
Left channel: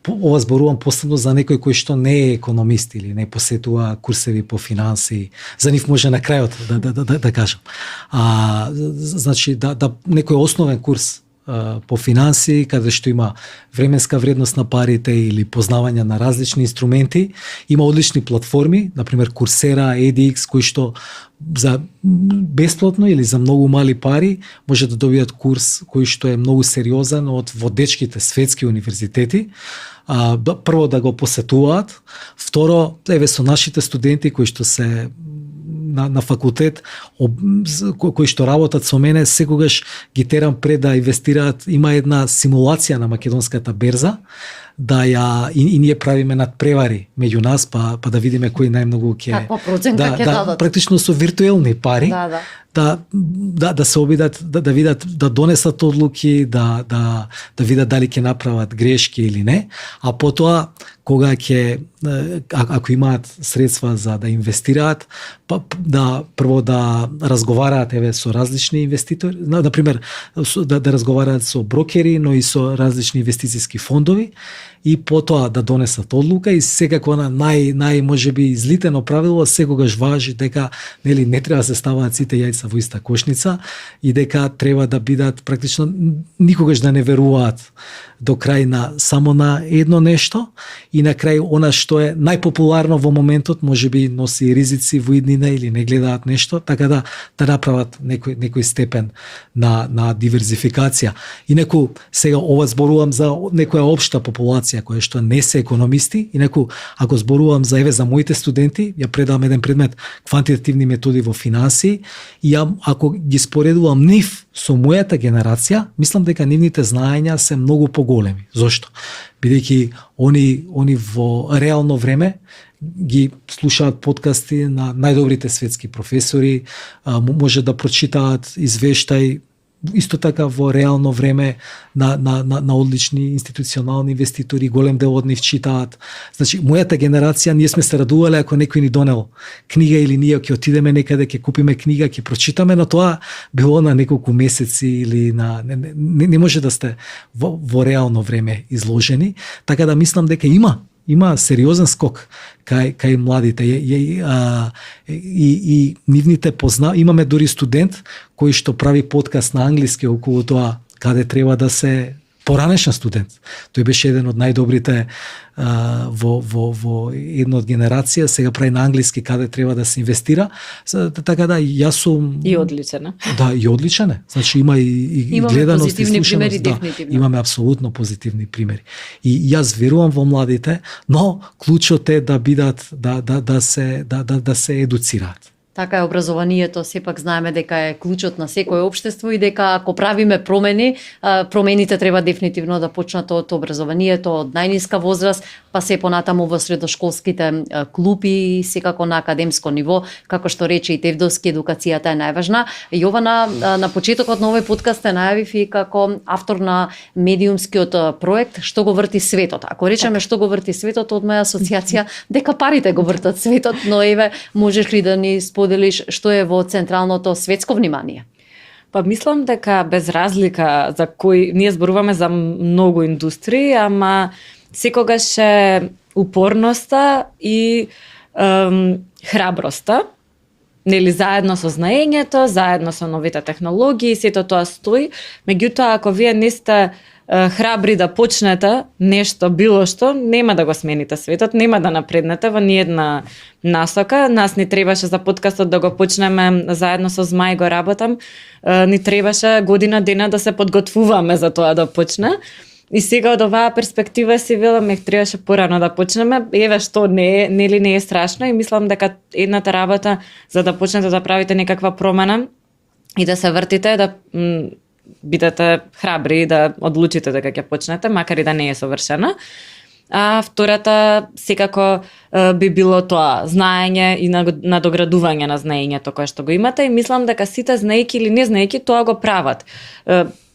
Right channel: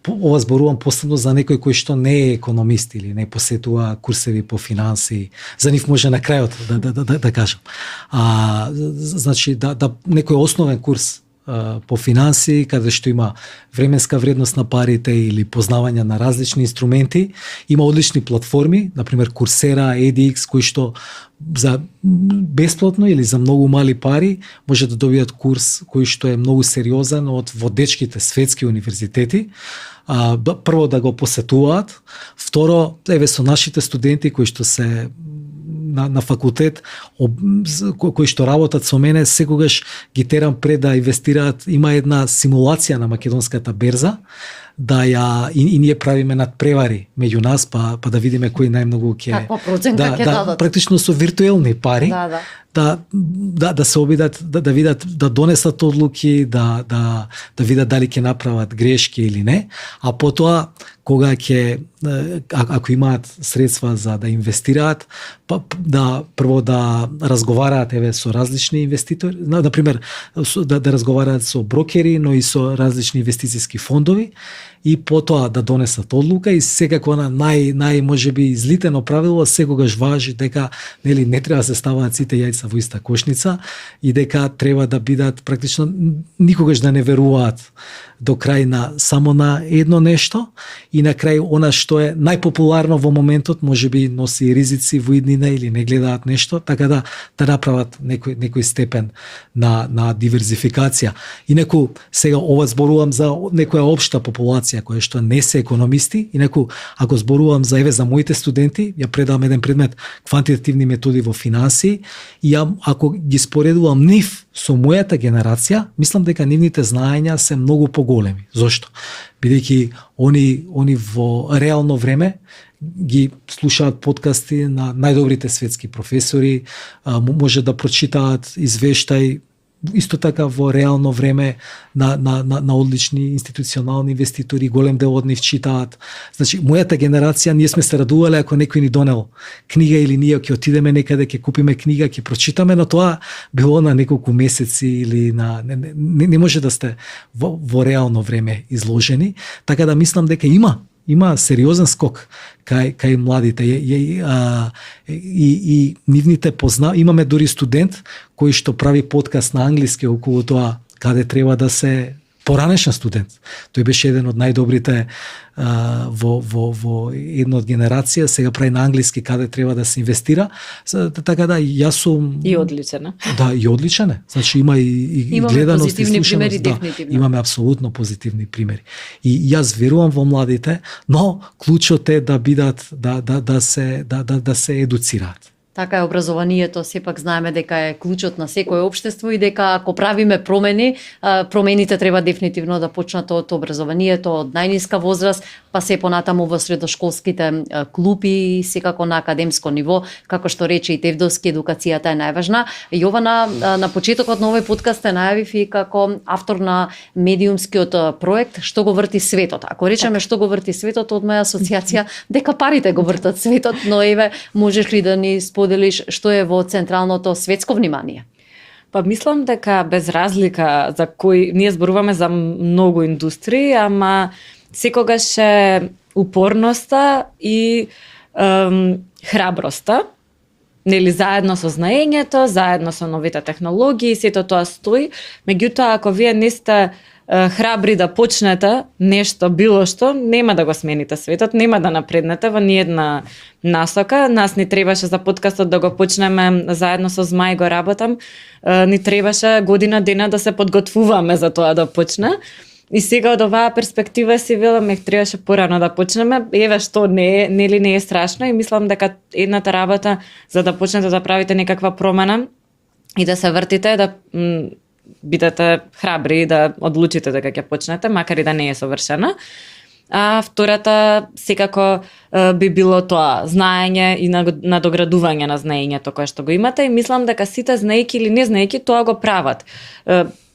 ова зборувам посебно за некој кој што не е економист или не посетува курсеви по финанси. За нив може на крајот да кажам. Значи, некој основен курс по финанси, каде што има временска вредност на парите или познавање на различни инструменти. Има одлични платформи, например Coursera, edX, кои што за бесплатно или за многу мали пари може да добијат курс кој што е многу сериозен од водечките светски универзитети. Прво да го посетуваат, второ, еве со нашите студенти кои што се на факултет, кои што работат со мене, секогаш ги терам пред да инвестираат. Има една симулација на македонската берза, и ние правиме надпревари меѓу нас, па да видиме кој најмногу ќе... Каква проценка ќе дадат? Практично со виртуелни пари. Да се обидат, да видат, да донесат одлуки, да видат дали ќе направат грешки или не, а потоа кога ако имаат средства за да инвестираат, прво да разговараат со различни инвеститори, например да разговараат со брокери, но и со различни инвестициски фондови, и потоа да донесат одлука. И секако на нај можеби излитено правило секогаш важи дека не треба да се ставаат сите јајца во иста кошница и дека треба да бидат практично никогаш да не веруваат до крај само на едно нешто, и на крај она што е најпопуларно во моментот можеби носи ризици во иднина или не гледаат нешто, така да направат некој степен на диверзификација. Инаку сега ова зборувам за некоја општа популација која што не се економисти, инаку ако зборувам за моите студенти, ја предавам еден предмет квантитативни методи во финансии, и ако ги споредувам нив со мојата генерација, мислам дека нивните знаења се многу поголеми. Зошто? Бидејќи они во реално време ги слушаат подкасти на најдобрите светски професори, може да прочитаат извештај исто така во реално време на одлични институционални инвеститори, голем дел од нив читаат. Значи, мојата генерација, ние сме се радувале ако некој ни донел книга или ние ќе отидеме некаде, ќе купиме книга, ќе прочитаме, но тоа било на неколку месеци или не може да сте во реално време изложени, така да мислам дека има сериозен скок кај младите и нивните имаме дури студент кој што прави подкаст на англиски околу тоа каде треба да се поранешен студент. Тој беше еден од најдобрите во една од генерација, сега прави на англиски каде треба да се инвестира. Така да јас сум и одличен. Да, и одличен е. Значи има и гледаност и слушаност. Имаме апсолутно позитивни примери. И јас верувам во младите, но клучот е да бидат да се едуцираат. Така е, образованието сепак знаеме дека е клучот на секое општество и дека ако правиме промени, промените треба дефинитивно да почнат од образованието од најниска возраст, па се понатаму во средошколските клупи и секако на академско ниво, како што рече и Тевдовски, едукацијата е најважна. Јована, на почетокот на овој подкаст те најавив и како автор на медиумскиот проект Што го врти светот. Ако речеме што го врти светот, од моја асоциација дека парите го вртат светот, но еве можеш ли да ни споделиш што е во централното светско внимание? Па мислам дека без разлика за кој ние зборуваме за многу индустрии, ама секогаш е упорноста и храброста, нели заедно со знаењето, заедно со новите технологии, сето тоа стои. Меѓутоа, ако вие не сте храбри да почнете нешто, било што, нема да го смените светот, нема да напреднете во ниедна насока. Нас ни требаше за подкастот да го почнеме заедно со Змај го работам. Ни требаше година дена да се подготвуваме за тоа да почне. И сега од оваа перспектива си велам, требаше порано да почнеме. Еве што не е страшно и мислам дека едната работа за да почнете да правите некаква промена и да се вртите, да бидете храбри и да одлучите дека ќе почнете, макар и да не е совршена. А втората секако би било тоа, знаење и надоградување на знаењето кое што го имате, и мислам дека сите знаејки или не знаејки тоа го прават.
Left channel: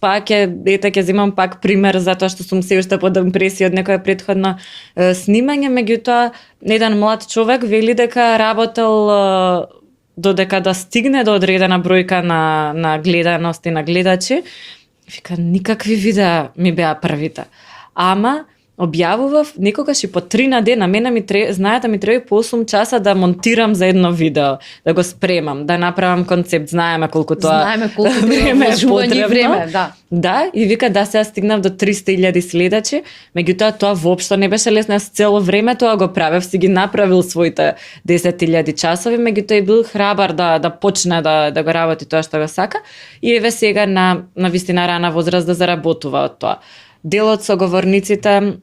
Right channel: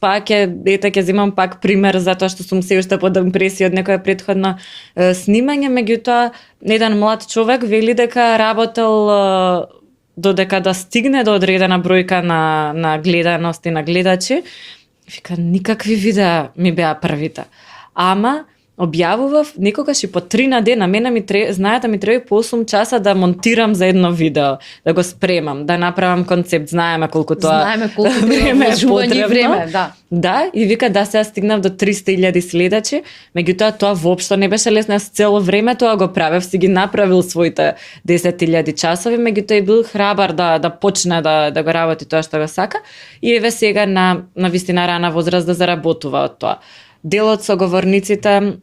Пак ќе земам пак пример затоа што сум се уште под импресија од некое претходно снимање, меѓутоа еден млад човек вели дека работел додека да стигне до одредена бројка на гледаност и на гледачи. Вика, никакви видеа ми беа првите. Ама објавував некогаш и по 3 на ден, на мене знаете, ми треба по 8 часа да монтирам за едно видео, да го спремам, да направам концепт, знаеме колку време е потребно. Да, и вика да се стигнав до 300.000 следачи, меѓутоа тоа воопшто не беше лесно, јас цело време тоа го правев, си ги направил своите 10.000 часови, меѓутоа и бил храбар да почне да го работи тоа што го сака, и еве сега на вистина рана возраст да заработува од тоа. Дел од соговорниците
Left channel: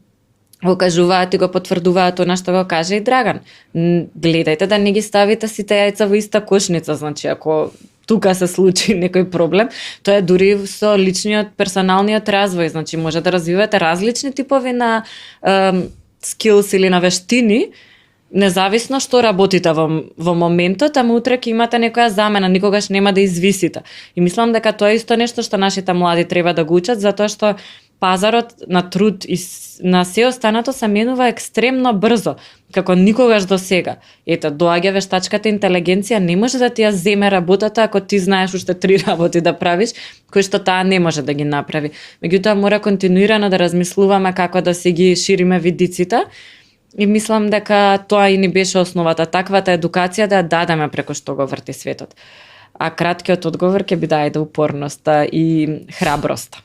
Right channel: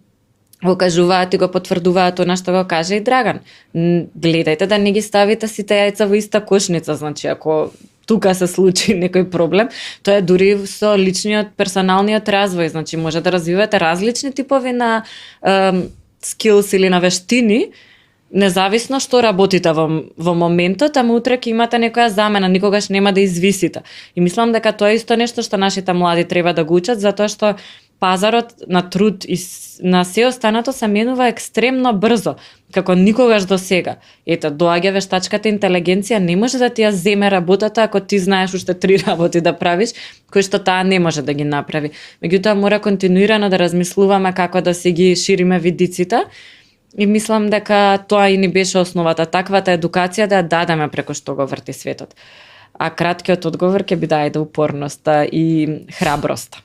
го кажуваат и го потврдуваат она што го каже и Драган. Гледајте да не ги ставите сите јајца во иста кошница, значи ако тука се случи некој проблем, тоа е дури со личниот персоналниот развој, значи може да развивате различни типови на скилс или на вештини, независно што работите во моментот, ама утре ќе имате некоја замена, никогаш нема да извисите. И мислам дека тоа е исто нешто што нашите млади треба да го учат, затоа што пазарот на труд и на се останато се менува екстремно брзо, како никогаш до сега. Ето, доаѓа вештачката интелигенција, не може да ти ја земе работата ако ти знаеш уште 3 работи да правиш, кои што таа не може да ги направи. Меѓутоа, мора континуирано да размислуваме како да се ги шириме видиците, и мислам дека тоа и ни беше основата, таквата едукација да ја дадеме преку што го врти светот. А краткиот одговор ќе биде ајде упорноста и храброста.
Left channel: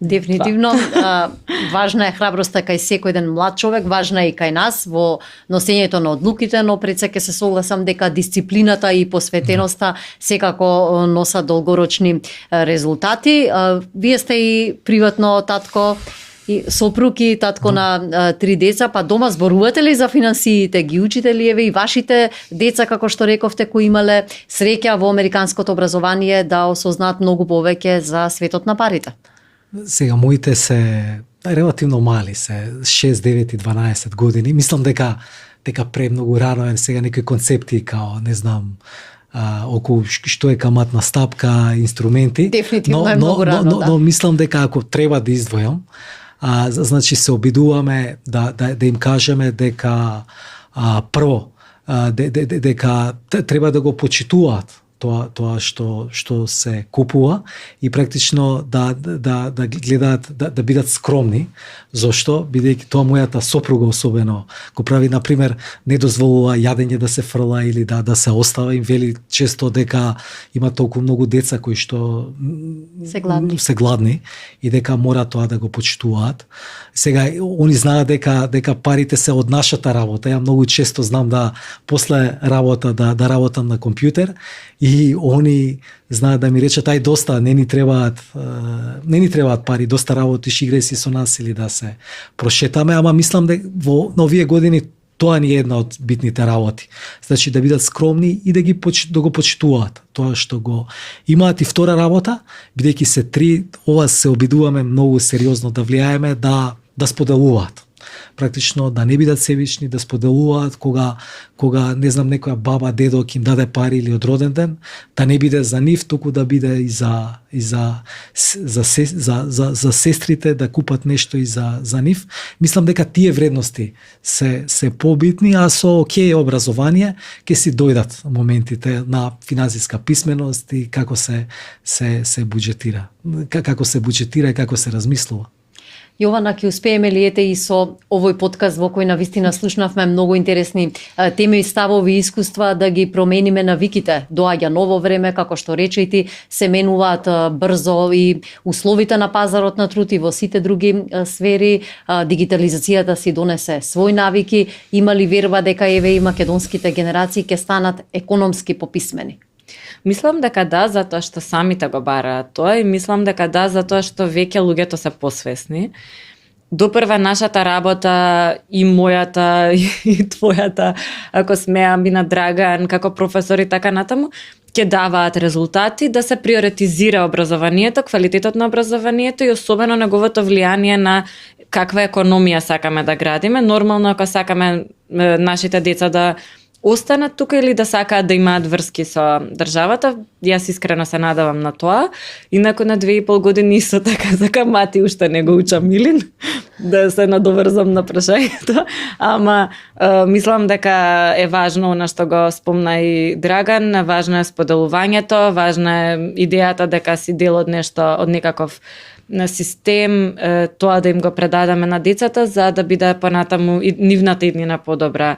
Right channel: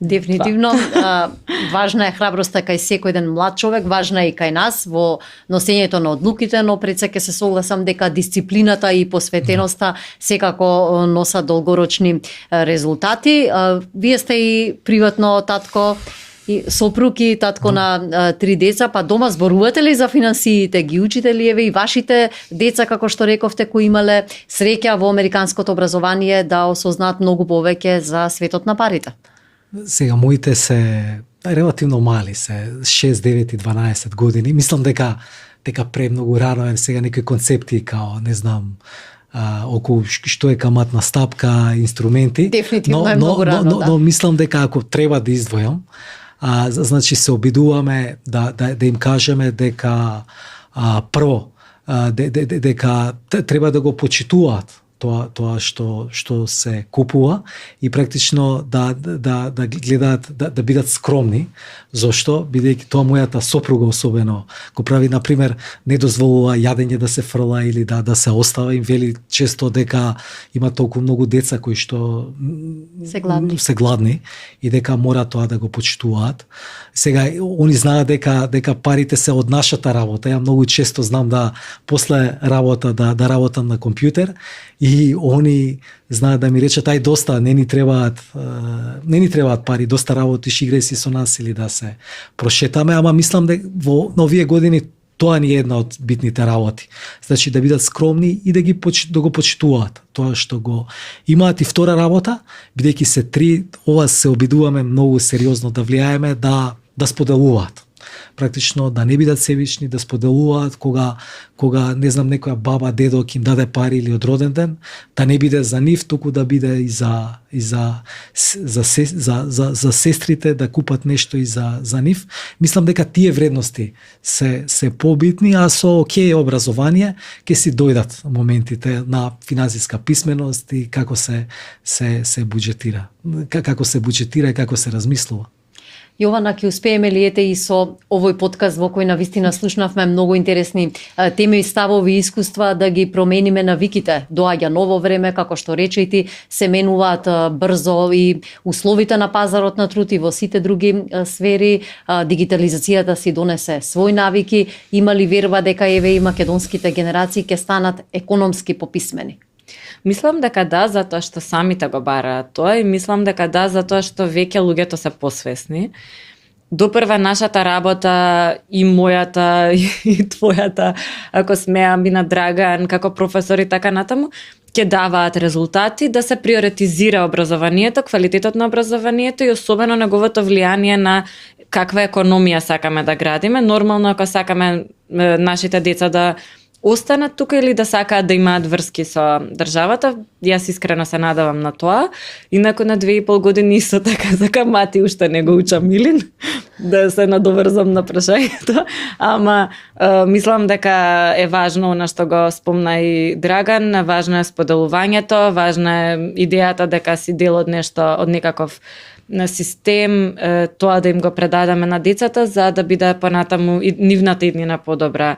Дефинитивно, важна е храброста кај секој еден млад човек, важна е и кај нас во носењето на одлуките, но пред се ќе се согласам дека дисциплината и посветеноста секако носат долгорочни резултати. Вие сте и приватно татко и сопруг и татко на 3 деца, па дома зборувате ли за финансиите, ги учите ли еве и вашите деца, како што рековте, кои имале среќа во американското образование да осознаат многу повеќе за светот на парите? Сега моите се релативно мали, се 6, 9 и 12 години. Мислам дека премногу рано е сега некои концепти као, не знам, околу што е каматна стапка, инструменти. Дефинитивно е многу рано, да. Но мислам дека ако треба да издвојам, значи се обидуваме да им кажеме дека прво дека треба да го почитуваат тоа што се купува и практично да гледаат да бидат скромни. Зошто? Бидејќи тоа мојата сопруга особено го прави, на пример, не дозволува јадење да се фрла или да се остава, им вели често дека има толку многу деца кои што се гладни и дека мора тоа да го почитуваат. Сега они знаат дека парите се од нашата работа. Ја многу често знам да после работа да работам на компјутер и они знаат да ми речат ај доста, не ни требаат пари, доста работиш, играј си со нас или да се прошетаме, ама мислам дека во овие години тоа ни е една од битните работи. Значи да бидат скромни и да го почитуваат тоа што го имаат. И втора работа, бидејќи се 3, ова се обидуваме многу сериозно да влијаеме да споделуваат. Практично да не бидат себични, да споделуваат кога не знам некоја баба, дедо ќе им даде пари или од роден ден, да не биде за нив, туку да биде и за сестрите, да купат нешто и за нив. Мислам дека тие вредности се побитни, а со образование ќе си дојдат моментите на финансиска писменост и како се буџетира. Како се буџетира и како се размислува. Јована, ќе успееме ли ете и со овој подкаст во кој навистина слушнавме многу интересни теми, ставови и искуства да ги промениме навиките. Доаѓа ново време, како што рече и ти, се менуваат брзо и условите на пазарот на труд и во сите други сфери. Дигитализацијата си донесе свој навики. Има ли верба дека еве и македонските генерации ќе станат економски пописмени? Мислам дека да, затоа што самите го бараат тоа и мислам дека да, затоа што веќе луѓето се посвесни. Допрва нашата работа и мојата и твојата, ако смеам и на Драган, како професор и така натаму, ќе даваат резултати да се приоритизира образованието, квалитетот на образованието и особено неговото влијание на каква економија сакаме да градиме. Нормално ако сакаме нашите деца да останат тука или да сакаат да имаат врски со државата, јас искрено се надевам на тоа. Инаку на 2,5 години исто така за мати уште не го учам Милин, да се надоврзам на прашањето, ама мислам дека е важно она што го спомна и Драган, важно е споделувањето, важна е идејата дека си дел од нешто, од некаков на систем, тоа да им го предадеме на децата за да биде понатаму и нивната иднина подобра.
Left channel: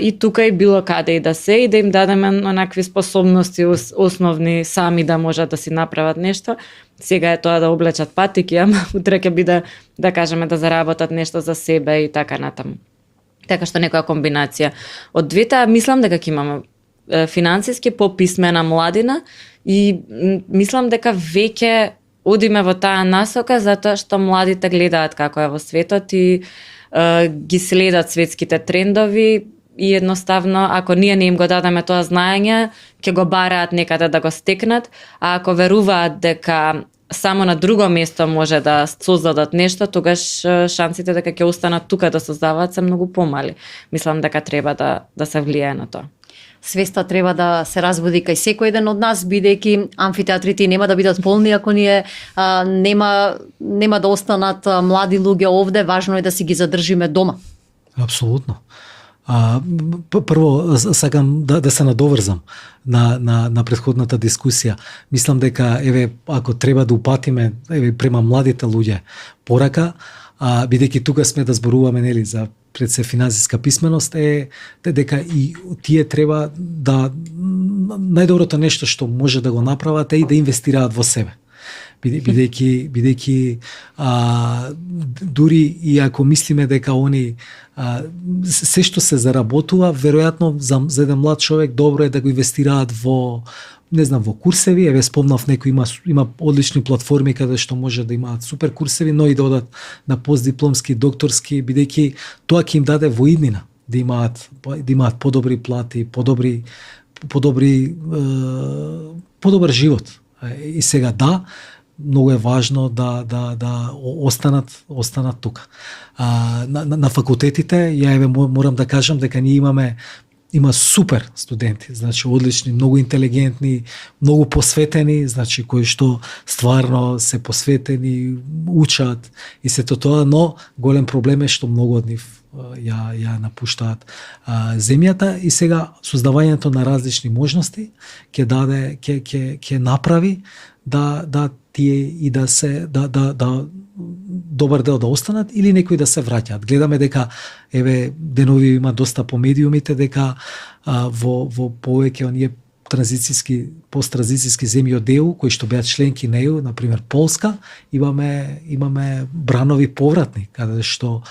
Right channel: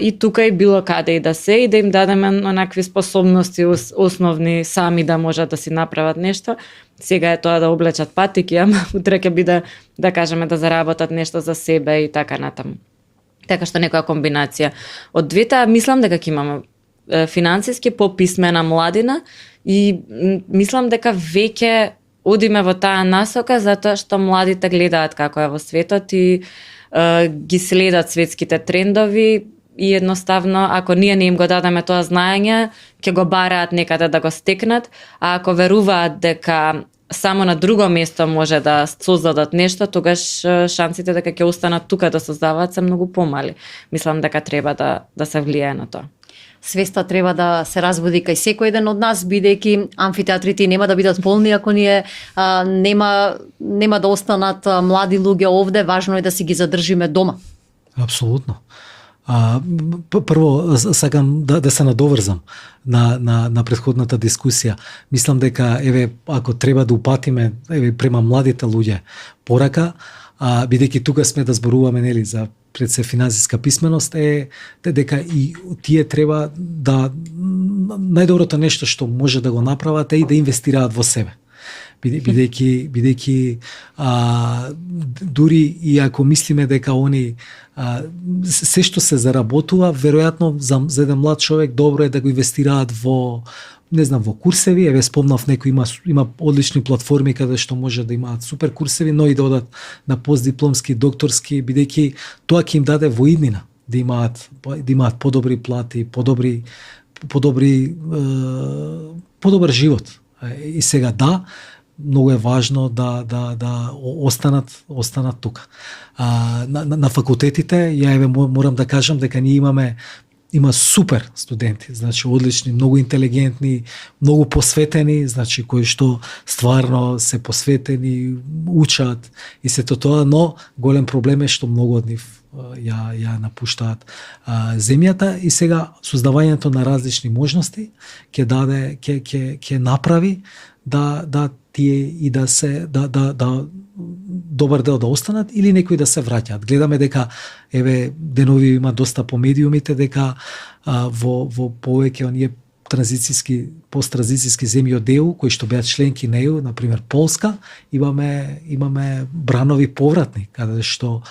И тука и било каде и да се, и да им дадеме онакви способности основни сами да можат да си направат нешто. Сега е тоа да облечат патики, ама утре ќе биде, да кажеме, да заработат нешто за себе и така натаму. Така што некоја комбинација. Од двете, мислам дека ќе имаме финансиски пописмена младина и мислам дека веќе одиме во таа насока затоа што младите гледаат како е во светот и ги следат светските трендови и едноставно ако ние не им го дадеме тоа знаење, ќе го бараат некаде да го стекнат, а ако веруваат дека само на друго место може да создадат нешто, тогаш шансите дека ќе останат тука да создаваат се многу помали. Мислам дека треба да се влијае на тоа. Свеста треба да се разбуди кај секој еден од нас, бидејќи амфитеатрите нема да бидат полни ако ние нема да останат млади луѓе овде, важно е да си ги задржиме дома. Апсолутно. Прво сакам да се надоврзам на претходната дискусија. Мислам дека еве ако треба да упатиме према младите луѓе порака, бидејќи тука сме да зборуваме нели за пред се финансиска писменост е дека и тие треба да најдоброто нешто што може да го направат е и да инвестираат во себе. Бидејќи дури и ако мислиме дека они се што се заработува, веројатно за еден млад човек добро е да го инвестираат во во курсеви, еве спомнав некои има одлични платформи каде што може да имаат супер курсеви, но и да одат на постдипломски, докторски, бидејќи тоа ќе им даде во иднина да имаат подобри плати, подобар живот. И сега многу е важно да останат тука. На факултетите, ја еве морам да кажам дека ние има супер студенти, значи одлични, многу интелигентни, многу посветени, значи кои што стварно се посветени, учат и сето тоа, но голем проблем е што многу од нив ја напуштаат земјата и сега создавањето на различни можности ќе направи да тие и да се добар дел да останат или некои да се враќаат. Гледаме дека еве денови има доста по медиумите дека во повеќе оние посттранзицијски земји од ЕУ кои што беа членки на ЕУ, на пример Полска, имаме бранови повратни каде што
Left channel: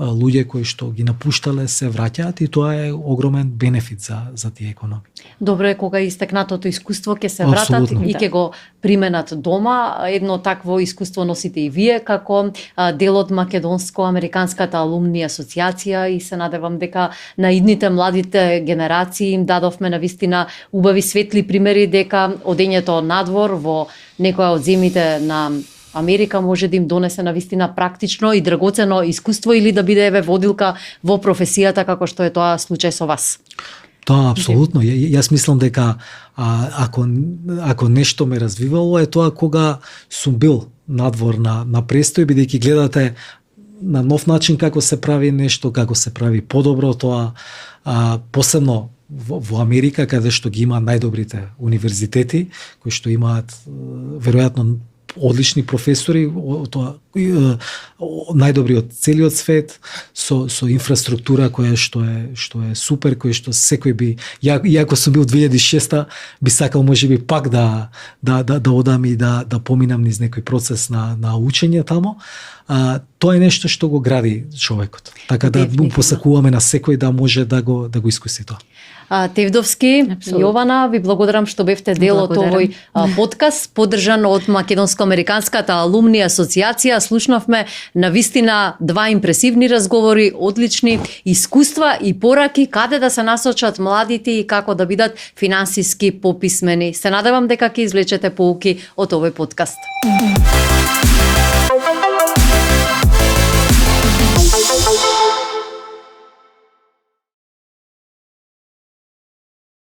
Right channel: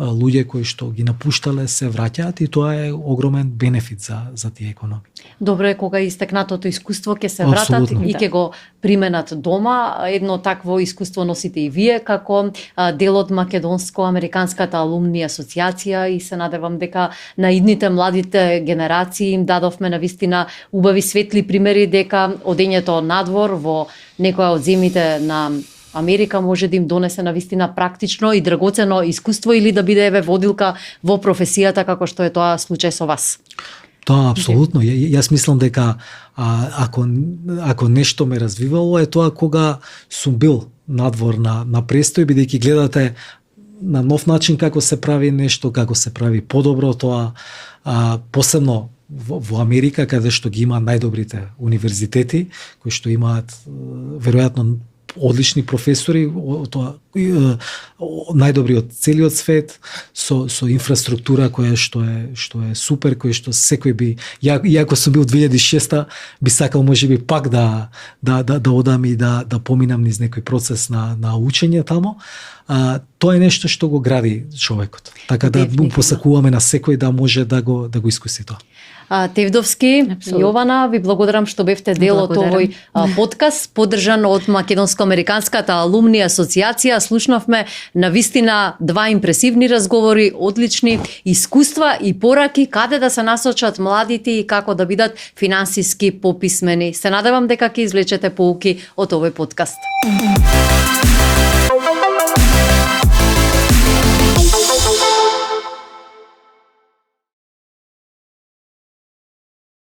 луѓе кои што ги напуштале се враќаат и тоа е огромен бенефит за тие економии. Добро е кога истекнатото искуство ќе се вратат Абсолютно. и ќе го применат дома. Едно такво искуство носите и вие како дел од Македонско-Американската алумни асоциација и се надевам дека на идните младите генерации им дадовме навистина убави светли примери дека одењето надвор во некоја од земјите на Америка може да им донесе навистина практично и драгоцено искуство или да биде еве водилка во професијата како што е тоа случај со вас. Тоа апсолутно. Јас мислам дека ако нешто ме развивало е тоа кога сум бил надвор на престој, бидејќи гледате на нов начин како се прави нешто, како се прави подобро тоа, посебно во Америка каде што ги има најдобрите универзитети кои што имаат веројатно одлични професори, тоа најдобри од целиот свет, со инфраструктура која што е супер, која што секој би, иако сум бил 2006 би сакал можеби пак да одам и да поминам низ некој процес на учење тамо. Тоа е нешто што го гради човекот. Така да му посакуваме на секој да може да го искуси тоа. Тевдовски, Јована, ви благодарам што бевте дел од овој подкаст, поддржан од Македонско-американската алумни асоциација. Слушнавме навистина два импресивни разговори, одлични искуства и пораки каде да се насочат младите и како да бидат финансиски пописмени. Се надевам дека ќе извлечете поуки од овој подкаст.